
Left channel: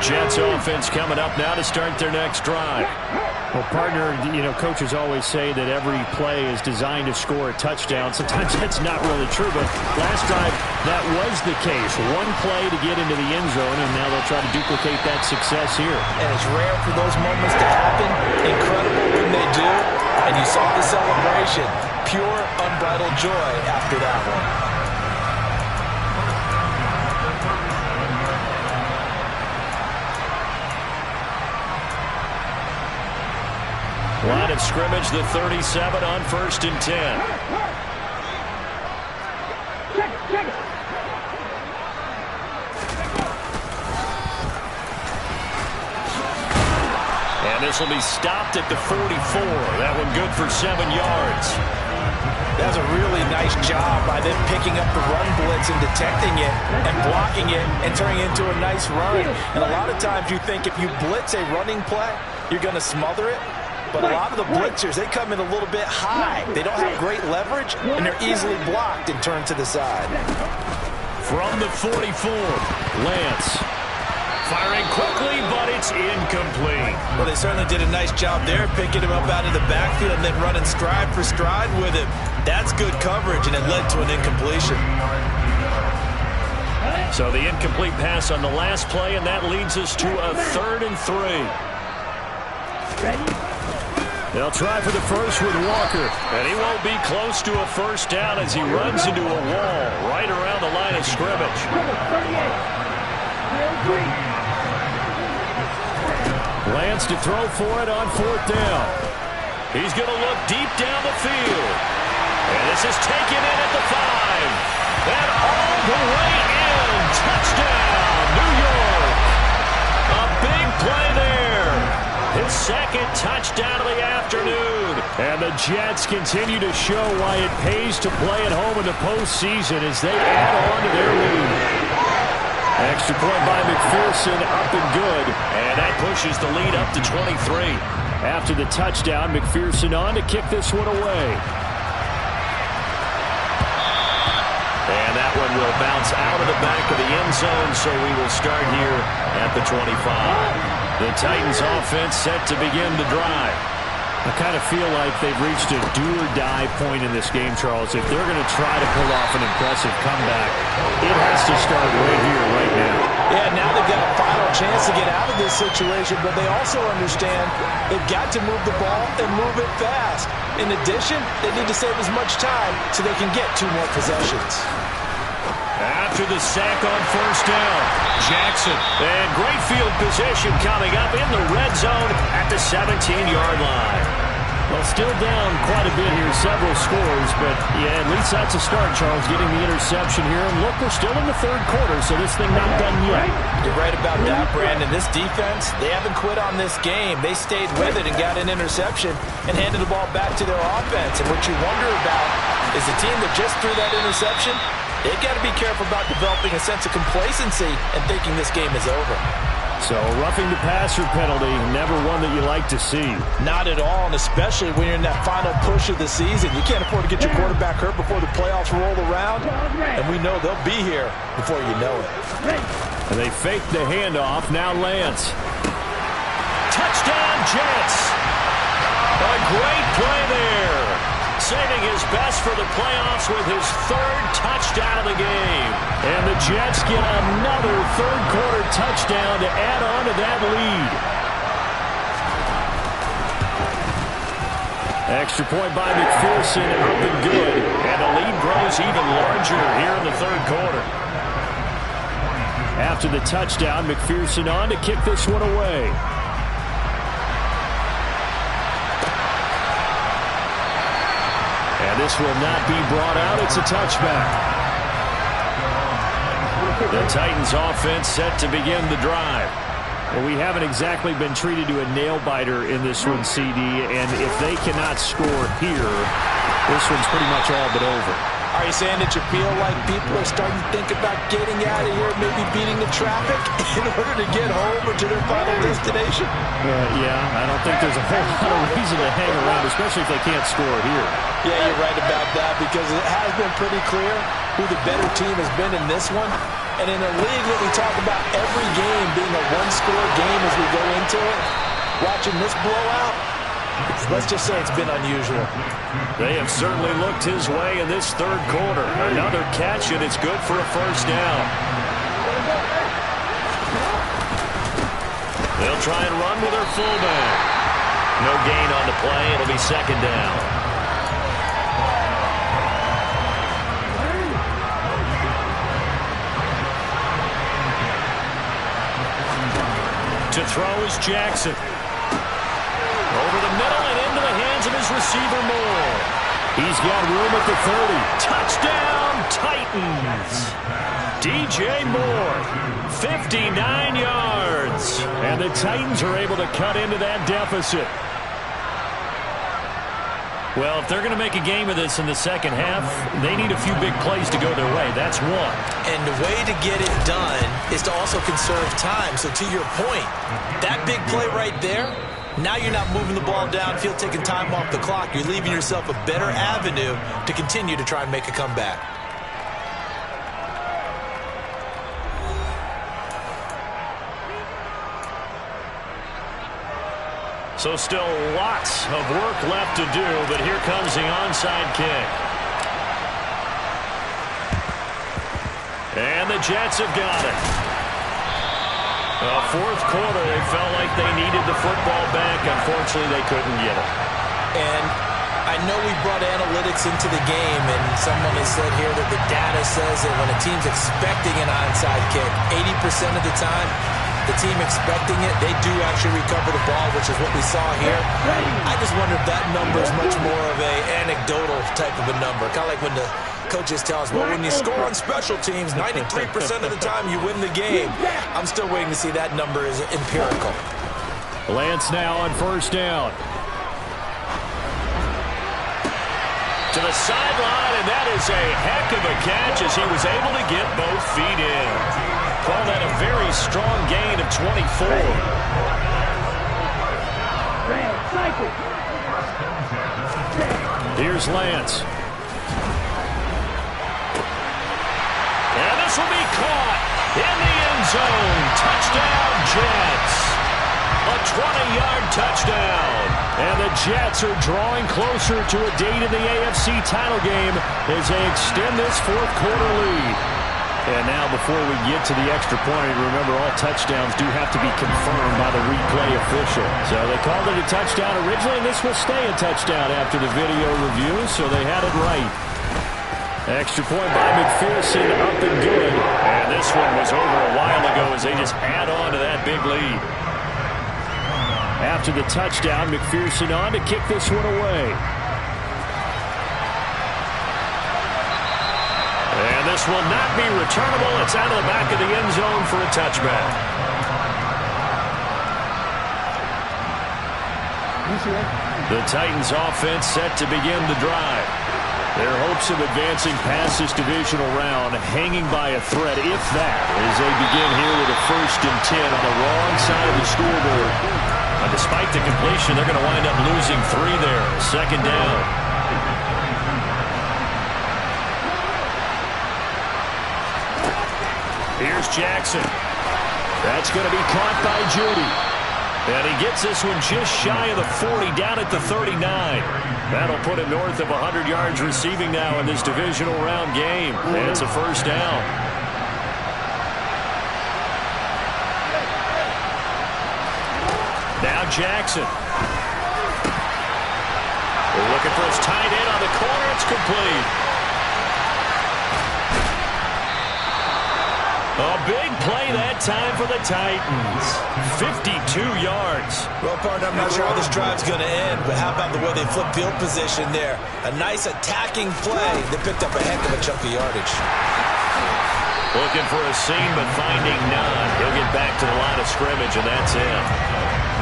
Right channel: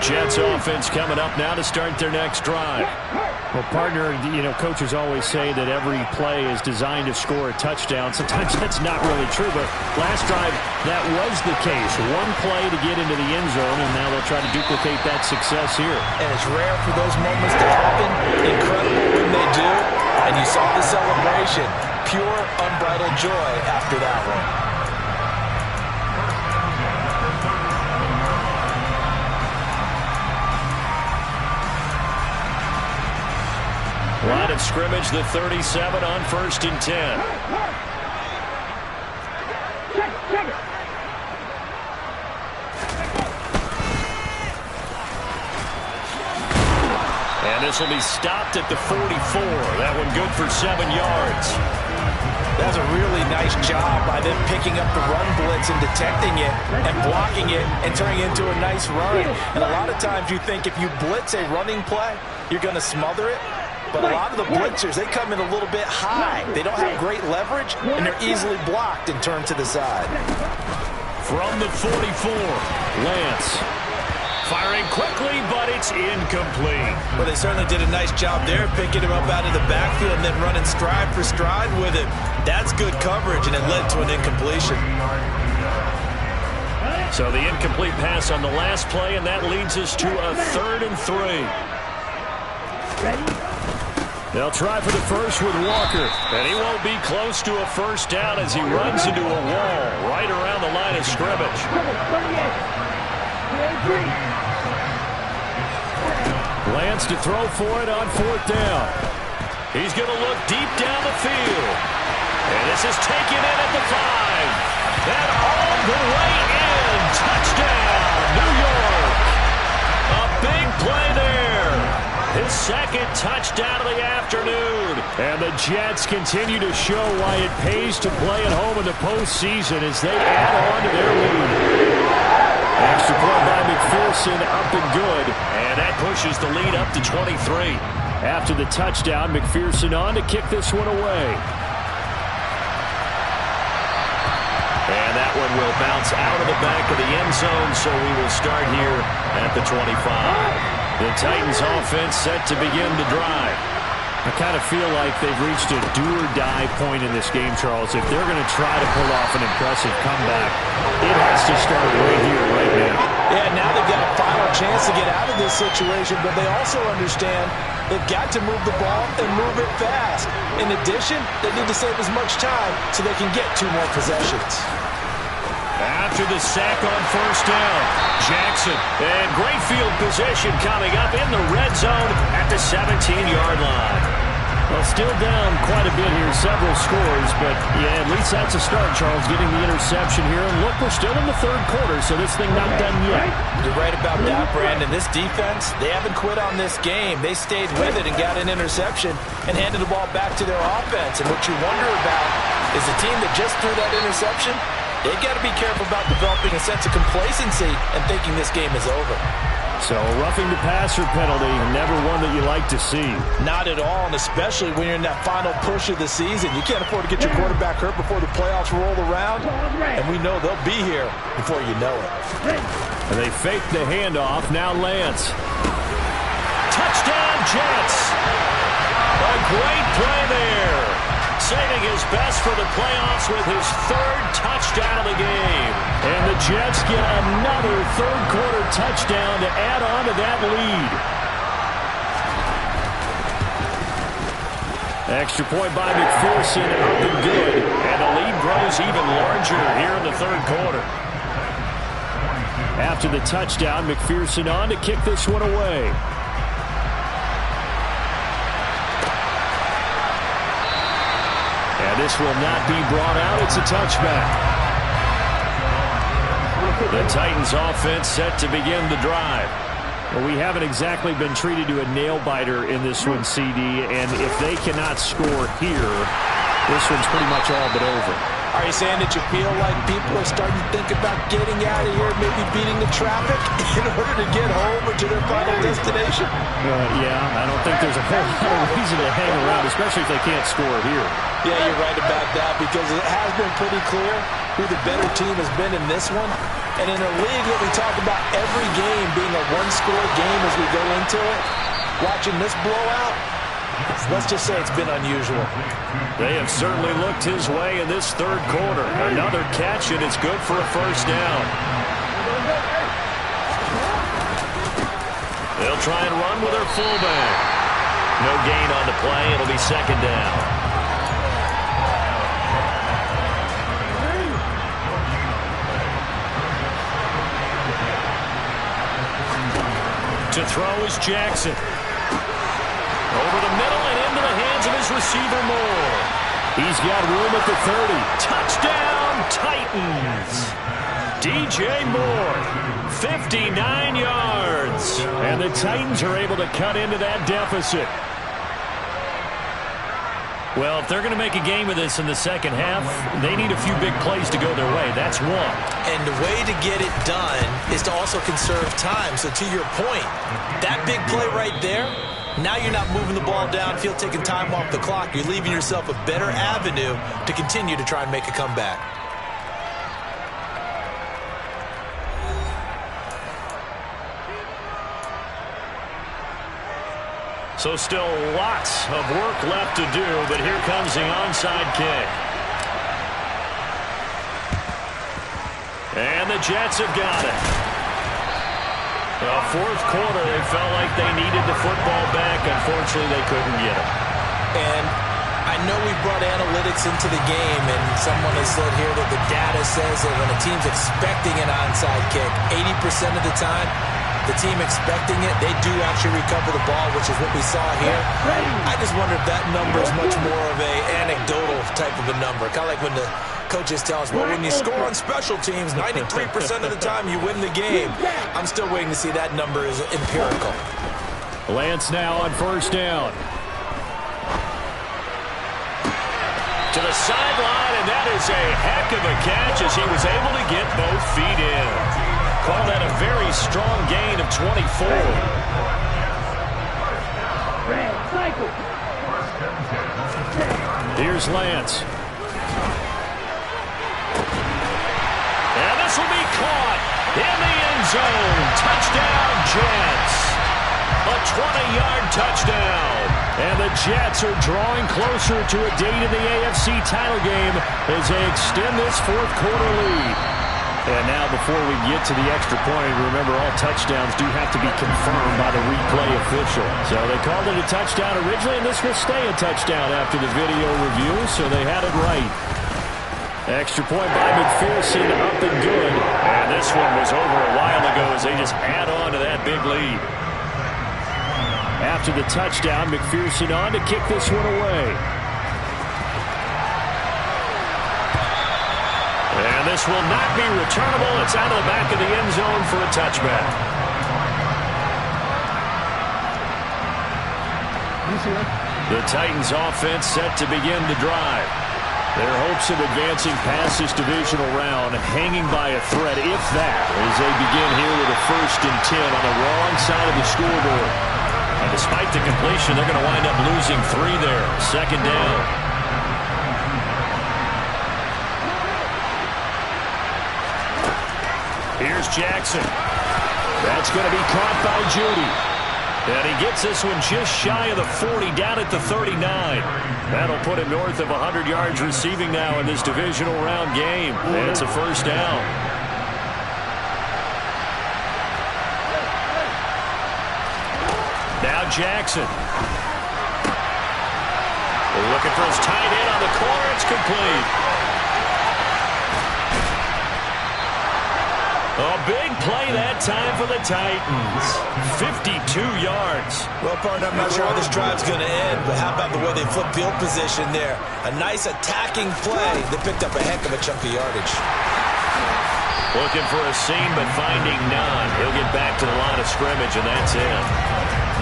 Jets offense coming up now to start their next drive. Well, partner, coaches always say that every play is designed to score a touchdown. Sometimes that's not really true, but last drive, that was the case. One play to get into the end zone, and now they'll try to duplicate that success here. And it's rare for those moments to happen. Incredible when they do. And you saw the celebration. Pure, unbridled joy after that one. Line of scrimmage, the 37 on 1st and 10. Check it. And this will be stopped at the 44. That one good for 7 yards. That's a really nice job by them picking up the run blitz and detecting it and blocking it and turning it into a nice run. And a lot of times you think if you blitz a running play, you're going to smother it. But a lot of the blitzers, they come in a little bit high. They don't have great leverage, and they're easily blocked and turned to the side. From the 44, Lance. Firing quickly, but it's incomplete. Well, they certainly did a nice job there, picking him up out of the backfield and then running stride for stride with him. That's good coverage, and it led to an incompletion. So the incomplete pass on the last play, and that leads us to a 3rd and 3. Ready? They'll try for the first with Walker, and he won't be close to a first down as he runs into a wall right around the line of scrimmage. 38. Lance to throw for it on 4th down. He's going to look deep down the field. And this is taken in at the 5. And all the way in. Touchdown, New York. A big play there. His 2nd touchdown of the afternoon. And the Jets continue to show why it pays to play at home in the postseason as they add on to their lead. Extra point by McPherson, up and good. And that pushes the lead up to 23. After the touchdown, McPherson on to kick this one away. And that one will bounce out of the back of the end zone, so we will start here at the 25. The Titans offense set to begin the drive. I kind of feel like they've reached a do-or-die point in this game, Charles. If they're going to try to pull off an impressive comeback, it has to start right here, right now. Yeah, now they've got a final chance to get out of this situation, but they also understand they've got to move the ball and move it fast. In addition, they need to save as much time so they can get 2 more possessions. After the sack on first down, Jackson. And great field position coming up in the red zone at the 17-yard line. Well, still down quite a bit here, several scores, but yeah, at least that's a start, Charles, getting the interception here. And look, we're still in the third quarter, so this thing not done yet. You're right about that, Brandon. This defense, they haven't quit on this game. They stayed with it and got an interception and handed the ball back to their offense. And what you wonder about is the team that just threw that interception, they've got to be careful about developing a sense of complacency and thinking this game is over. So, roughing the passer penalty, never one that you like to see. Not at all, and especially when you're in that final push of the season. You can't afford to get your quarterback hurt before the playoffs roll around, and we know they'll be here before you know it. And they fake the handoff. Now Lance. Touchdown, Jets. A great play there. Saving his best for the playoffs with his 3rd touchdown of the game. And the Jets get another third-quarter touchdown to add on to that lead. Extra point by McPherson, up and good. And the lead grows even larger here in the third quarter. After the touchdown, McPherson on to kick this one away. And this will not be brought out. It's a touchback. The Titans offense set to begin the drive. Well, we haven't exactly been treated to a nail-biter in this one, CD. And if they cannot score here, this one's pretty much all but over. Are you saying that you feel like people are starting to think about getting out of here, maybe beating the traffic in order to get home or to their final destination? Yeah, I don't think there's a whole lot of reason to hang around, especially if they can't score here. Yeah, you're right about that, because it has been pretty clear who the better team has been in this one. And in a league that we talk about every game being a one-score game as we go into it, watching this blowout, let's just say it's been unusual. They have certainly looked his way in this third quarter. Another catch, and it's good for a first down. They'll try and run with their fullback. No gain on the play. It'll be second down. To throw is Jackson. Over the middle and into the hands of his receiver, Moore. He's got room at the 30. Touchdown, Titans. DJ Moore, 59 yards. And the Titans are able to cut into that deficit. Well, if they're going to make a game of this in the second half, they need a few big plays to go their way. That's one. And the way to get it done is to also conserve time. So to your point, that big play right there, now you're not moving the ball downfield, taking time off the clock. You're leaving yourself a better avenue to continue to try and make a comeback. So still lots of work left to do, but here comes the onside kick. And the Jets have got it. The fourth quarter, they felt like they needed the football back. Unfortunately, they couldn't get it. And I know we brought analytics into the game, and someone has said here that the data says that when a team's expecting an onside kick, 80% of the time, the team expecting it, they do actually recover the ball, which is what we saw here. I just wonder if that number is much more of a anecdotal type of a number. Kind of like when the coaches tell us, well, when you score on special teams, 93% of the time you win the game. I'm still waiting to see that number is empirical. Lance now on first down. To the sideline, and that is a heck of a catch as he was able to get both feet in. Call that a very strong gain of 24. Here's Lance. And this will be caught in the end zone. Touchdown, Jets. A 20-yard touchdown. And the Jets are drawing closer to a date in the AFC title game as they extend this fourth quarter lead. And now before we get to the extra point, remember all touchdowns do have to be confirmed by the replay official. So they called it a touchdown originally, and this will stay a touchdown after the video review, so they had it right. Extra point by McPherson, up and good. And this one was over a while ago as they just add on to that big lead. After the touchdown, McPherson on to kick this one away. And this will not be returnable. It's out of the back of the end zone for a touchback. The Titans offense set to begin the drive. Their hopes of advancing past this divisional round hanging by a thread, if that, as they begin here with a 1st and 10 on the wrong side of the scoreboard. Despite the completion, they're going to wind up losing 3 there. 2nd down. Here's Jackson. That's going to be caught by Judy. And he gets this one just shy of the 40, down at the 39. That'll put him north of 100 yards receiving now in this divisional round game. And it's a 1st down. Now Jackson. They're looking for his tight end on the corner. It's complete. A big play that time for the Titans. 52 yards. Well, partner, I'm not sure how this drive's going to end, but how about the way they flip field position there? A nice attacking play. They picked up a heck of a chunk of yardage. Looking for a seam, but finding none. He'll get back to the line of scrimmage, and that's it.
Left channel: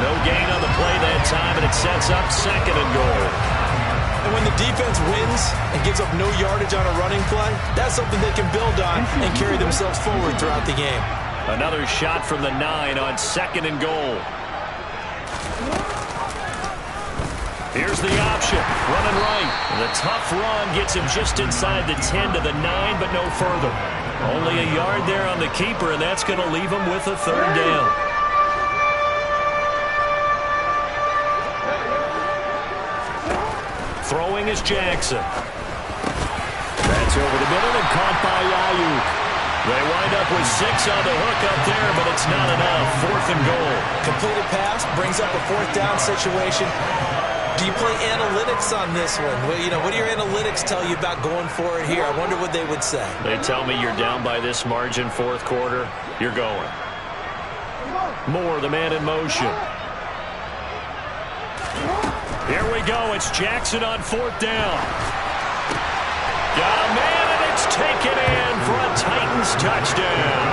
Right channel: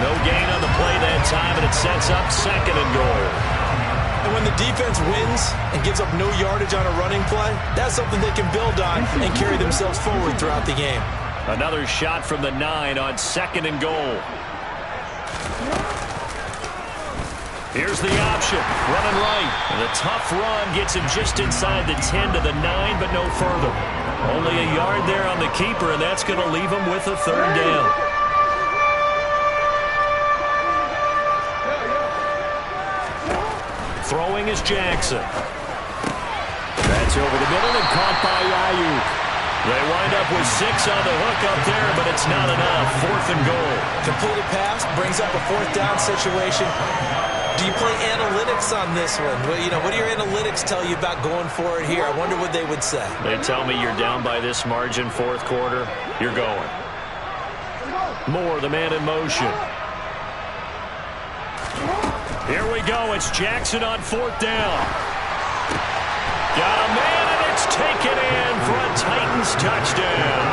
No gain on the play that time, and it sets up 2nd and goal. And when the defense wins and gives up no yardage on a running play, that's something they can build on and carry themselves forward throughout the game. Another shot from the 9 on 2nd and goal. Here's the option, running right. And the tough run gets him just inside the 10 to the 9, but no further. Only a yard there on the keeper, and that's going to leave him with a 3rd down. Throwing is Jackson. That's over the middle and caught by Ayuk. They wind up with 6 on the hook up there, but it's not enough. 4th and goal. Completed pass brings up a 4th down situation. Do you play analytics on this one? Well, you know, what do your analytics tell you about going for it here? I wonder what they would say. They tell me you're down by this margin 4th quarter. You're going. Moore, the man in motion. Here we go. It's Jackson on 4th down. Got a man, and it's taken in for a Titans touchdown.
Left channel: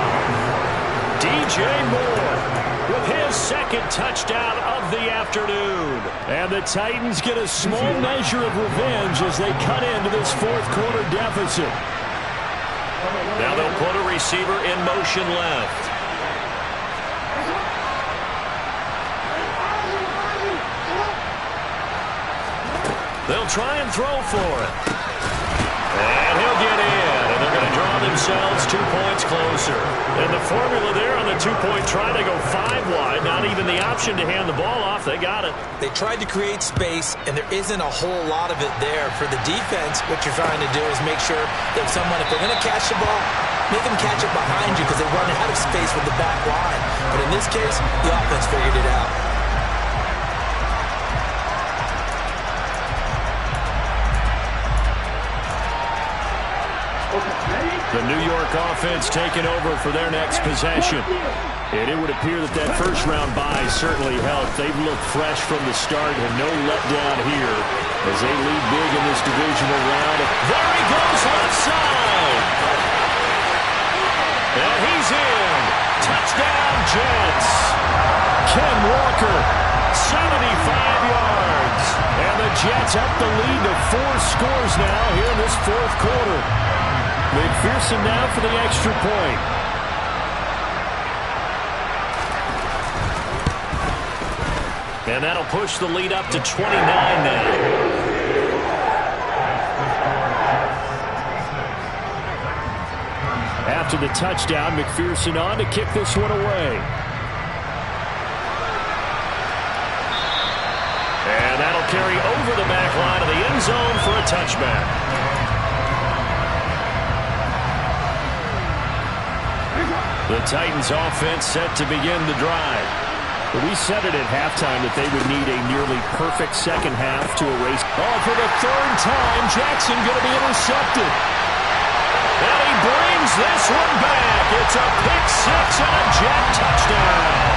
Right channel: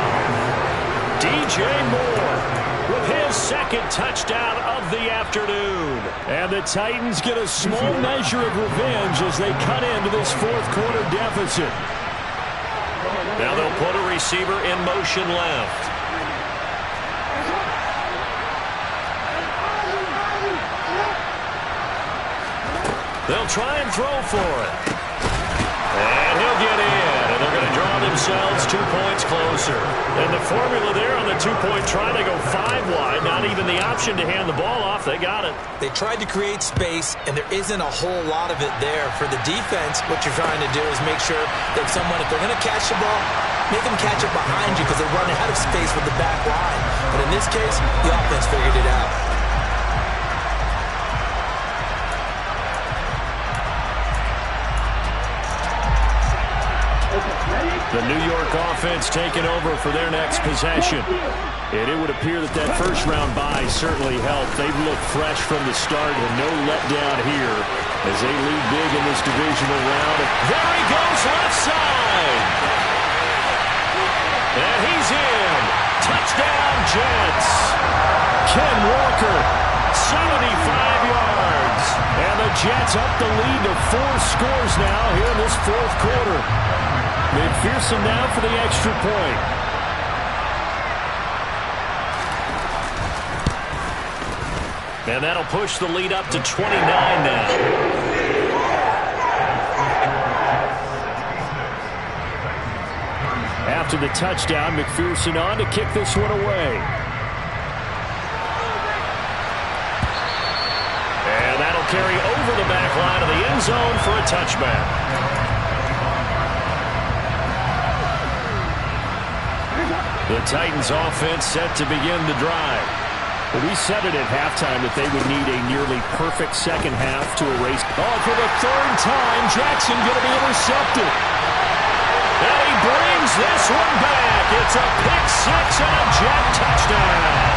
DJ Moore with his 2nd touchdown of the afternoon. And the Titans get a small measure of revenge as they cut into this 4th quarter deficit. Now they'll put a receiver in motion left. They'll try and throw for it. And he'll get in. And they're going to draw themselves 2 points closer. And the formula there on the 2-point try, they go 5 wide. Not even the option to hand the ball off. They got it. They tried to create space, and there isn't a whole lot of it there. For the defense, what you're trying to do is make sure that someone, if they're going to catch the ball, make them catch it behind you because they run out of space with the back line. But in this case, the offense figured it out. The New York offense taking over for their next possession. And it would appear that that first-round bye certainly helped. They've looked fresh from the start and no letdown here as they lead big in this divisional round. There he goes, left side. And he's in. Touchdown, Jets. Ken Walker, 75 yards. And the Jets up the lead to 4 scores now here in this 4th quarter. McPherson now for the extra point. And that'll push the lead up to 29 now. After the touchdown, McPherson on to kick this one away. carry over the back line of the end zone for a touchback. The Titans offense set to begin the drive. We said it at halftime that they would need a nearly perfect second half to erase. Oh, for the third time, Jackson going to be intercepted. And he brings this one back. It's a pick six and a Jet touchdown.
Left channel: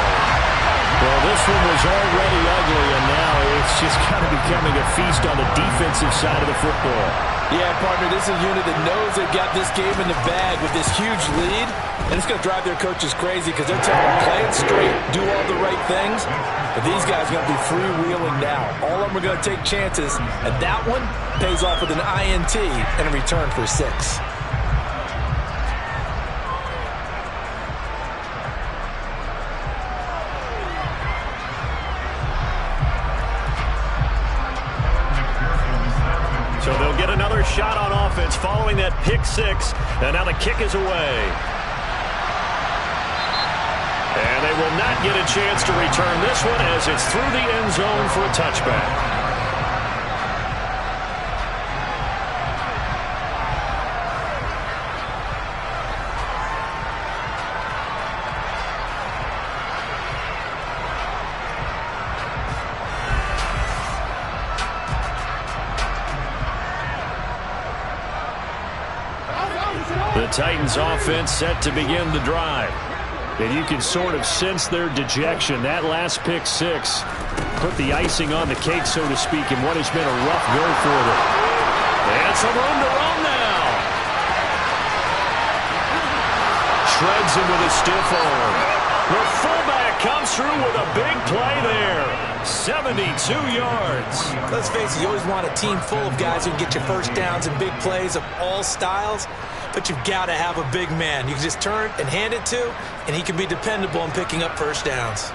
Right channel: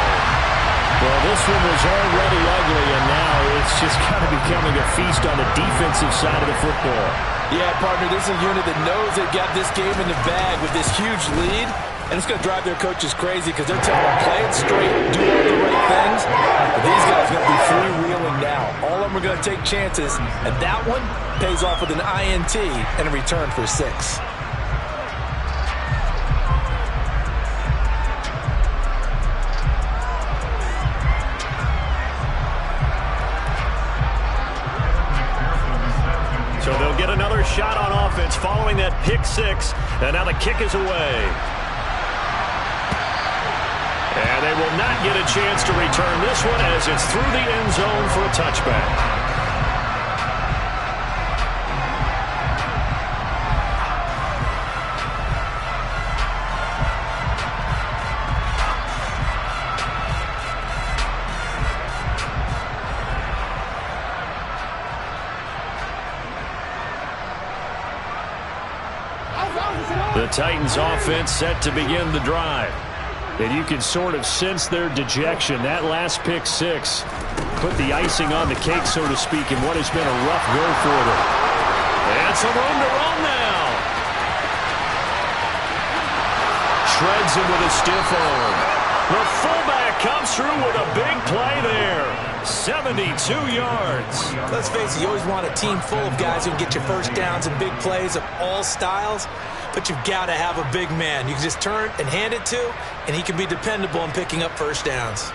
Well, this one was already ugly, and now it's just kind of becoming a feast on the defensive side of the football. Yeah, partner, this is a unit that knows they've got this game in the bag with this huge lead, and it's going to drive their coaches crazy because they're telling them, play it straight, do all the right things. But these guys are going to be freewheeling now. All of them are going to take chances, and that one pays off with an INT and a return for 6. So they'll get another shot on offense following that pick six. And now the kick is away. And they will not get a chance to return this one as it's through the end zone for a touchback. The Titans offense set to begin the drive. And you can sort of sense their dejection. That last pick six put the icing on the cake, so to speak, in what has been a rough go for them. And some room to run now. Shreds him with a stiff arm. The fullback comes through with a big play there. 72 yards. Let's face it, you always want a team full of guys who can get you first downs and big plays of all styles. But you've got to have a big man you can just turn and hand it to, and he can be dependable in picking up first downs.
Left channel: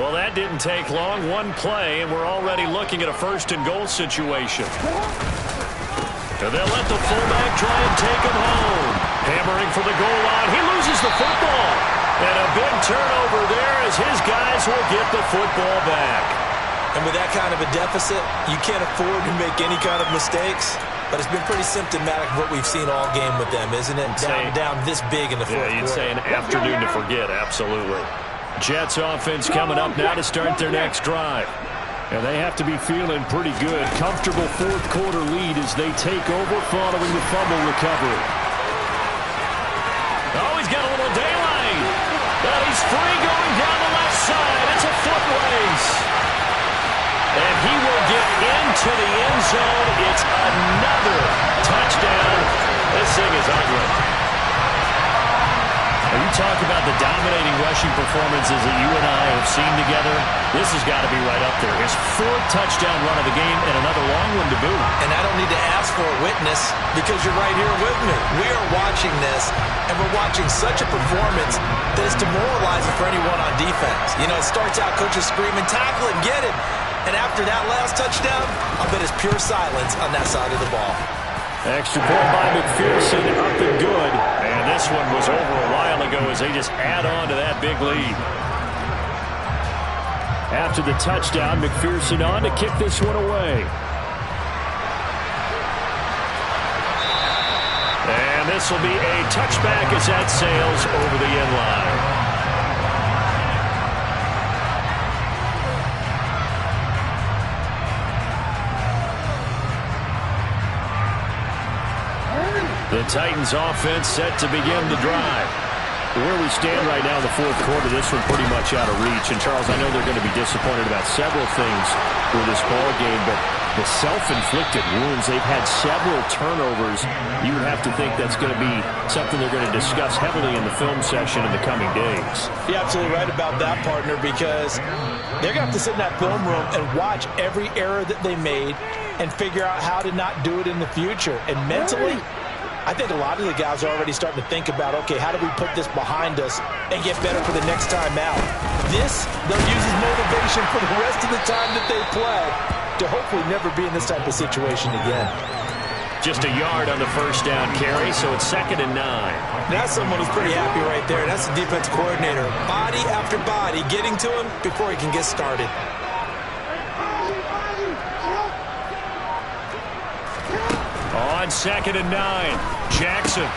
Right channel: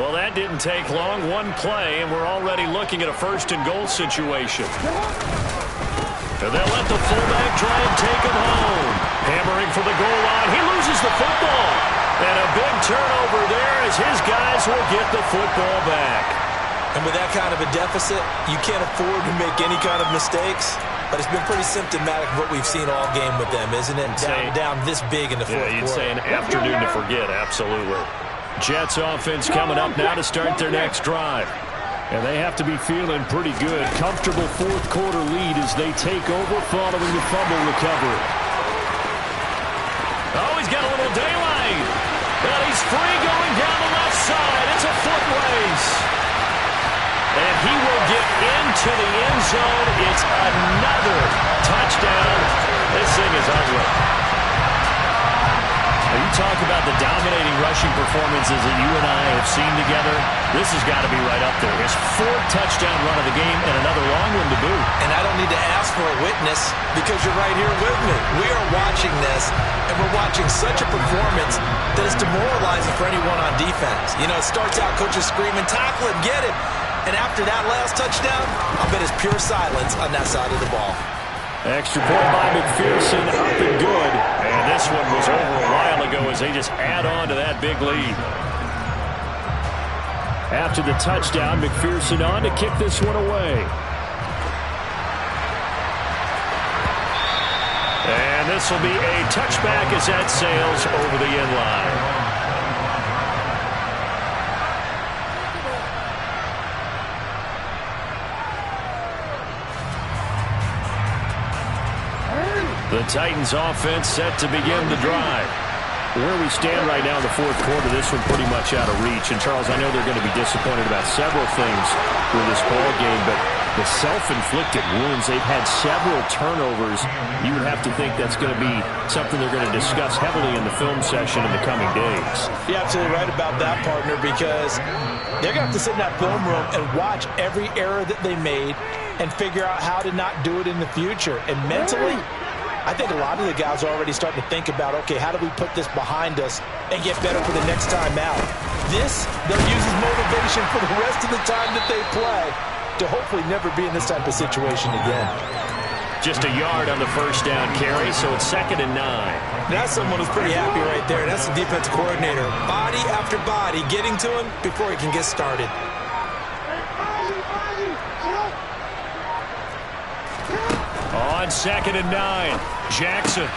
Well, that didn't take long. One play, and we're already looking at a first and goal situation. And they'll let the fullback try and take him home. Hammering for the goal line. He loses the football. And a big turnover there as his guys will get the football back. And with that kind of a deficit, you can't afford to make any kind of mistakes. But it's been pretty symptomatic of what we've seen all game with them, isn't it? Down this big in the fourth quarter. Yeah, you'd say an afternoon to forget, absolutely. Jets offense coming up now to start their next drive. And they have to be feeling pretty good. Comfortable fourth quarter lead as they take over following the fumble recovery. Oh, he's got a little daylight. But he's free going down the left side. It's a foot race. And he will get into the end zone. It's another touchdown. This thing is ugly. Now you talk about the dominating rushing performances that you and I have seen together. This has got to be right up there. His fourth touchdown run of the game and another long one to boot. And I don't need to ask for a witness because you're right here with me. We are watching this, and we're watching such a performance that is demoralizing for anyone on defense. You know, it starts out coaches screaming, tackle it, get it. And after that last touchdown, I'll bet it's pure silence on that side of the ball. Extra point by McPherson, up and good. And this one was over a while ago as they just add on to that big lead. After the touchdown, McPherson on to kick this one away. And this will be a touchback as that sails over the end line. The Titans offense set to begin the drive. Where we stand right now in the fourth quarter, this one pretty much out of reach. And, Charles, I know they're going to be disappointed about several things with this ball game, but the self-inflicted wounds, they've had several turnovers. You would have to think that's going to be something they're going to discuss heavily in the film session in the coming days. You're absolutely right about that, partner, because they're going to have to sit in that film room and watch every error that they made and figure out how to not do it in the future. And mentally, I think a lot of the guys are already starting to think about, okay, how do we put this behind us and get better for the next time out? This, they'll use as motivation for the rest of the time that they play to hopefully never be in this type of situation again. Just a yard on the first down carry, so it's 2nd and 9. That's someone who's pretty happy right there. That's the defensive coordinator. Body after body getting to him before he can get started. On 2nd and 9, Jackson.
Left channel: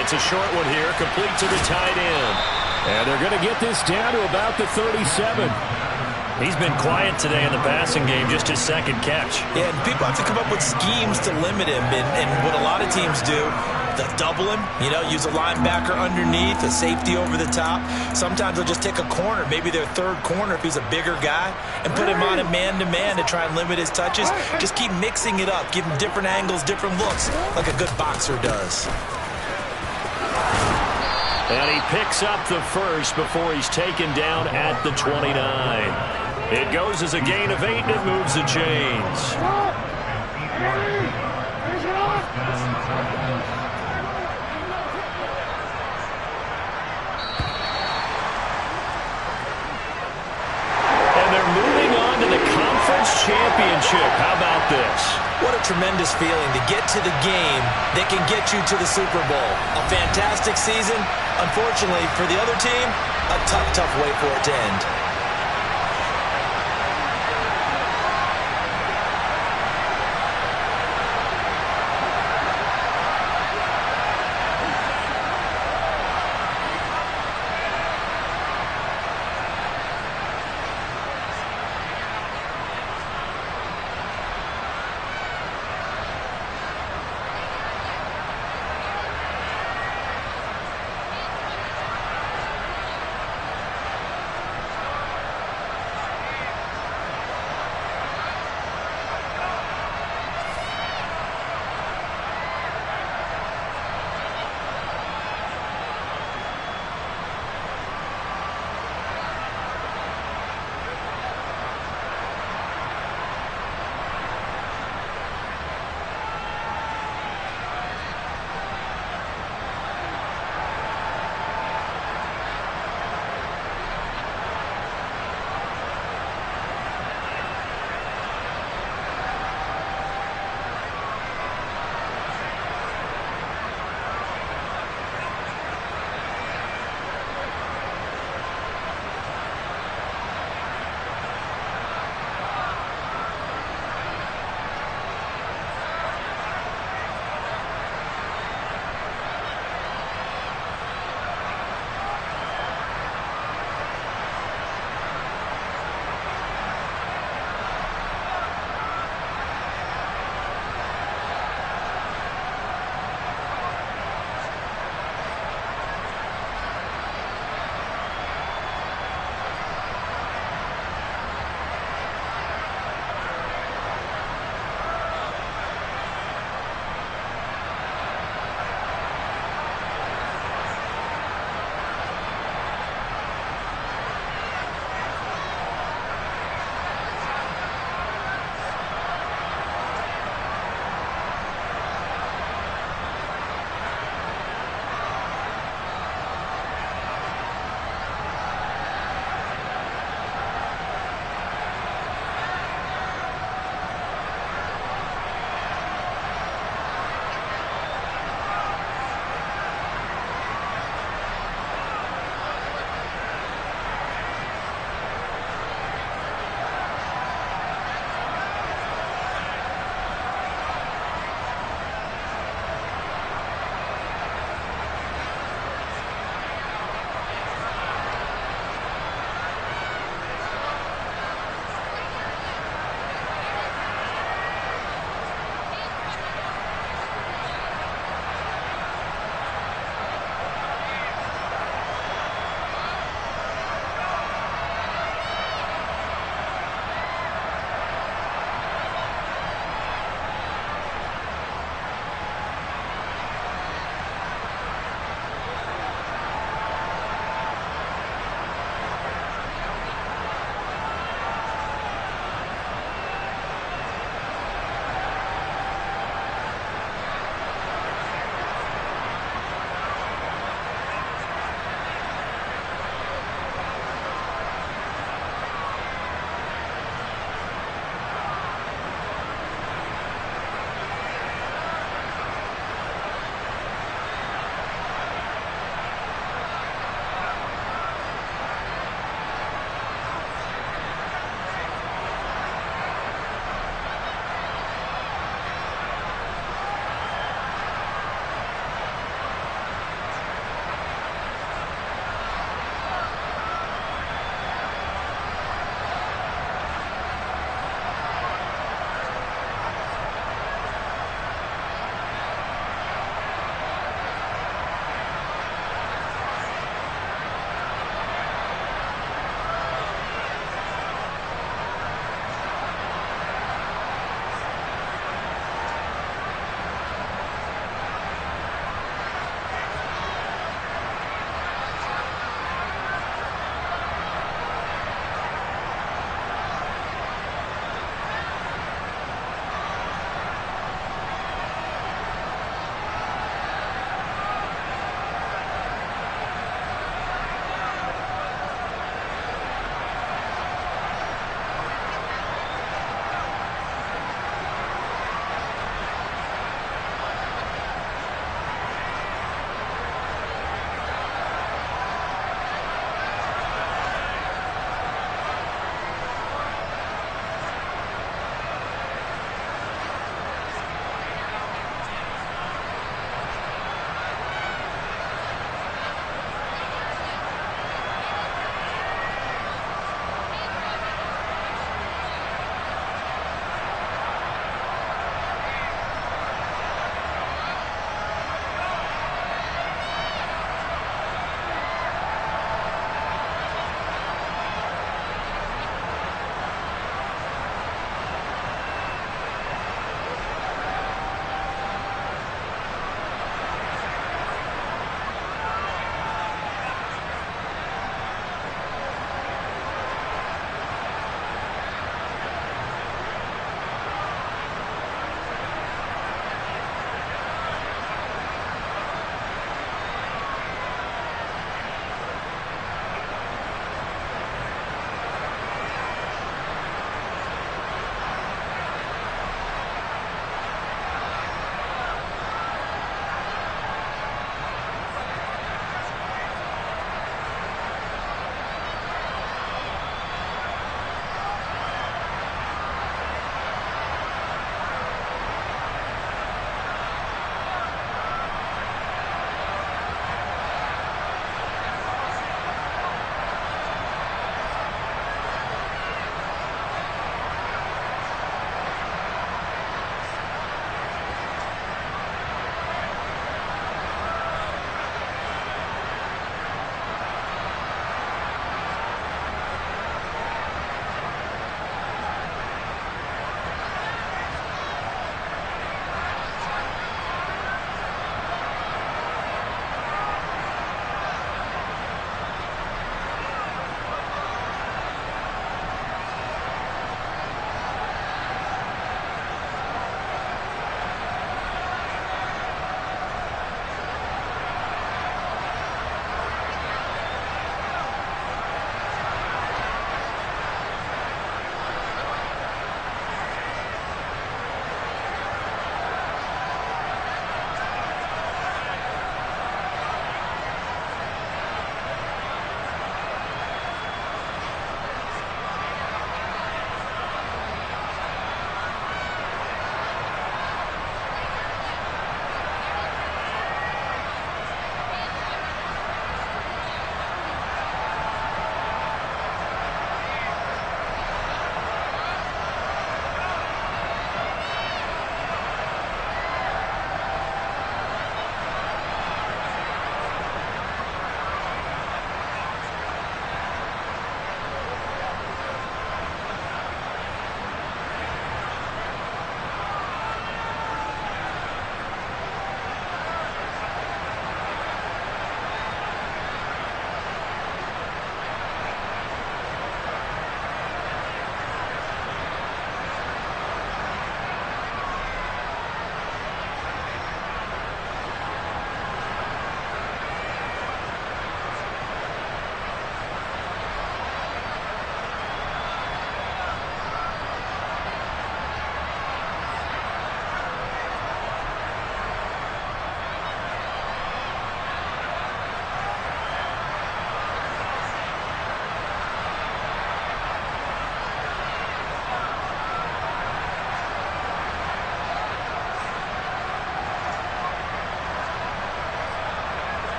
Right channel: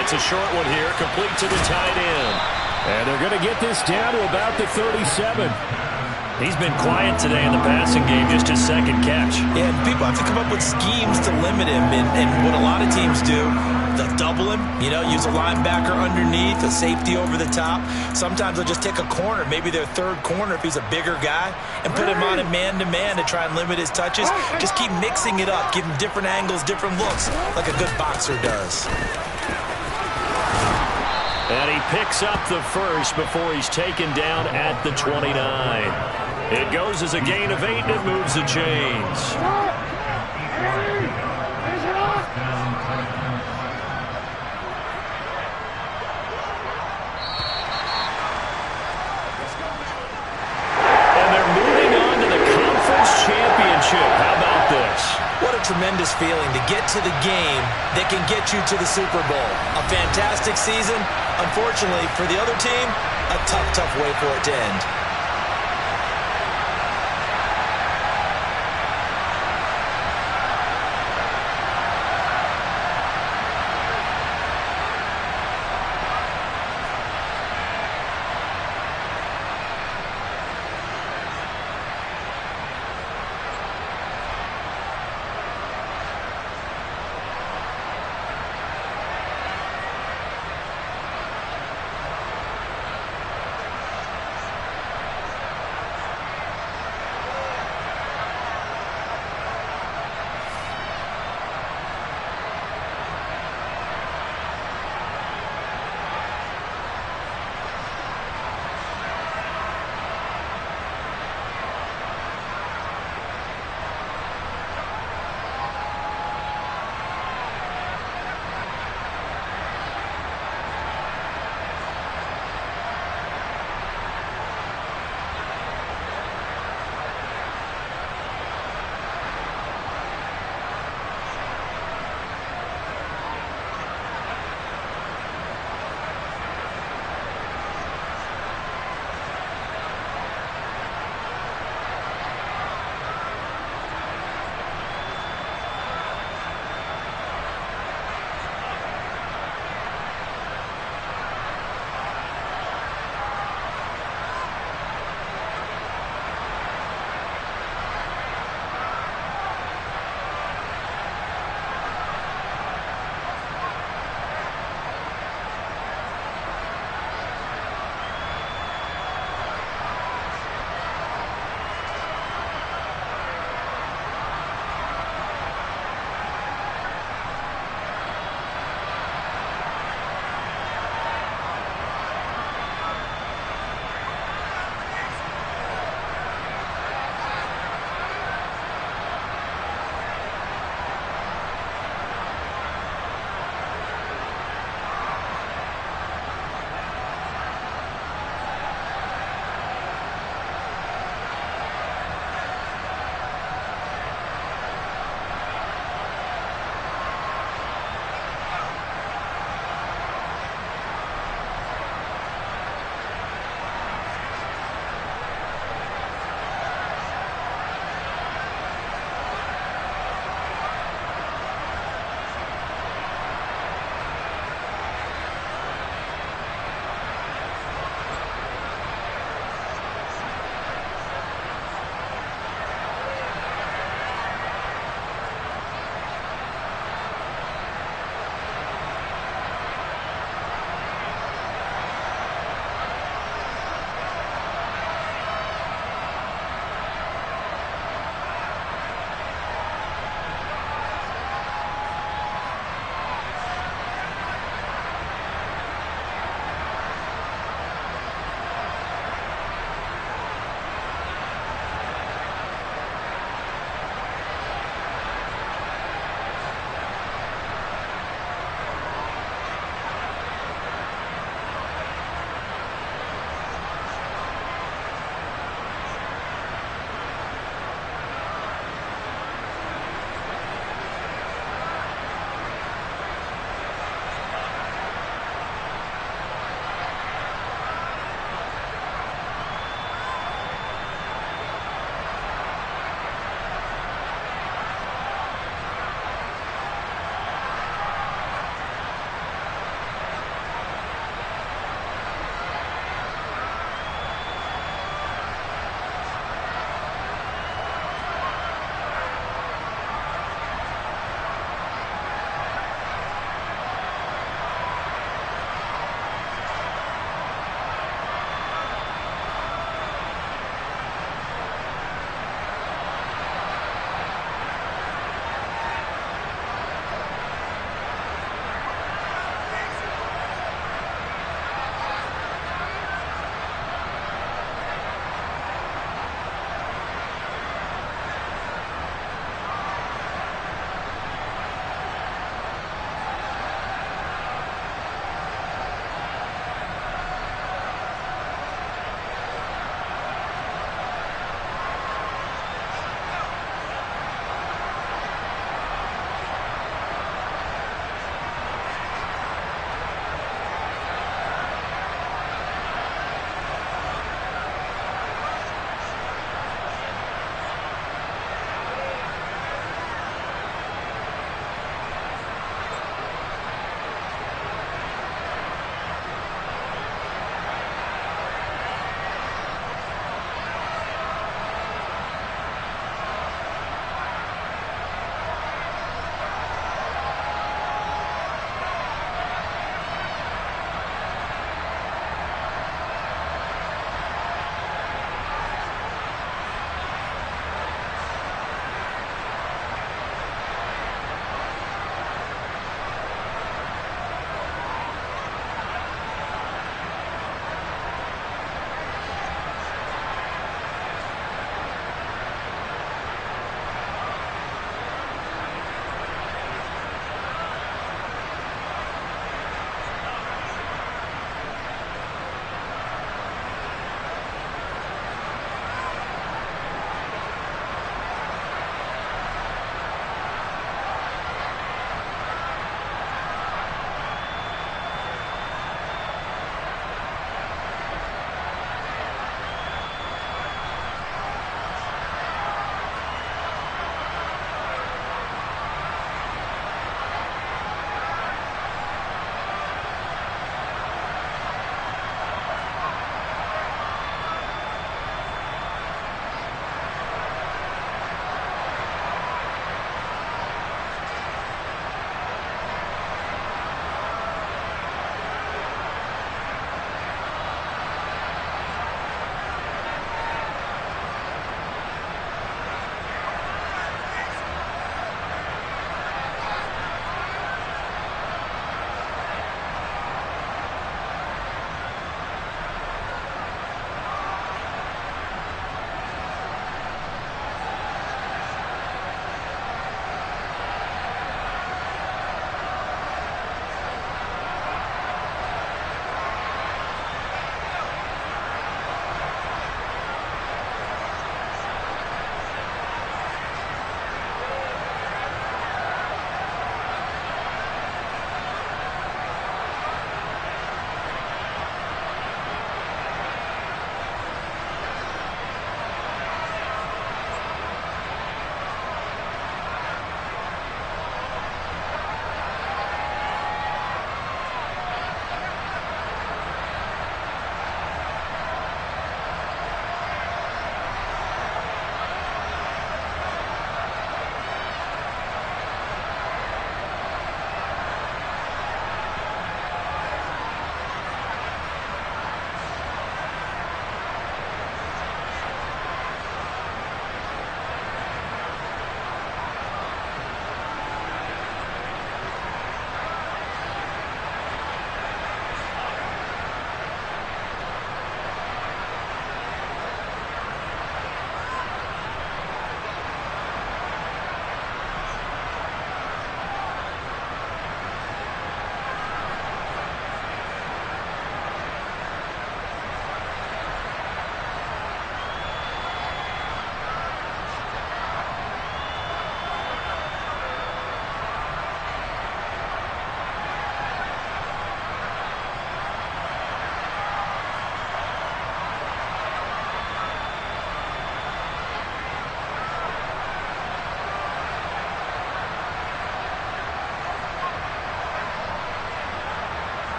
It's a short one here, complete to the tight end. And they're going to get this down to about the 37. He's been quiet today in the passing game, just his 2nd catch. Yeah, and people have to come up with schemes to limit him, and what a lot of teams do, they'll double him, use a linebacker underneath, a safety over the top. Sometimes they'll just take a corner, maybe their 3rd corner if he's a bigger guy, and put him on a man-to-man to try and limit his touches. Just keep mixing it up, give him different angles, different looks, like a good boxer does. And he picks up the first before he's taken down at the 29. It goes as a gain of 8, and it moves the chains. And they're moving on to the conference championship. How about this? What a tremendous feeling to get to the game that can get you to the Super Bowl. A fantastic season. Unfortunately, for the other team, a tough way for it to end.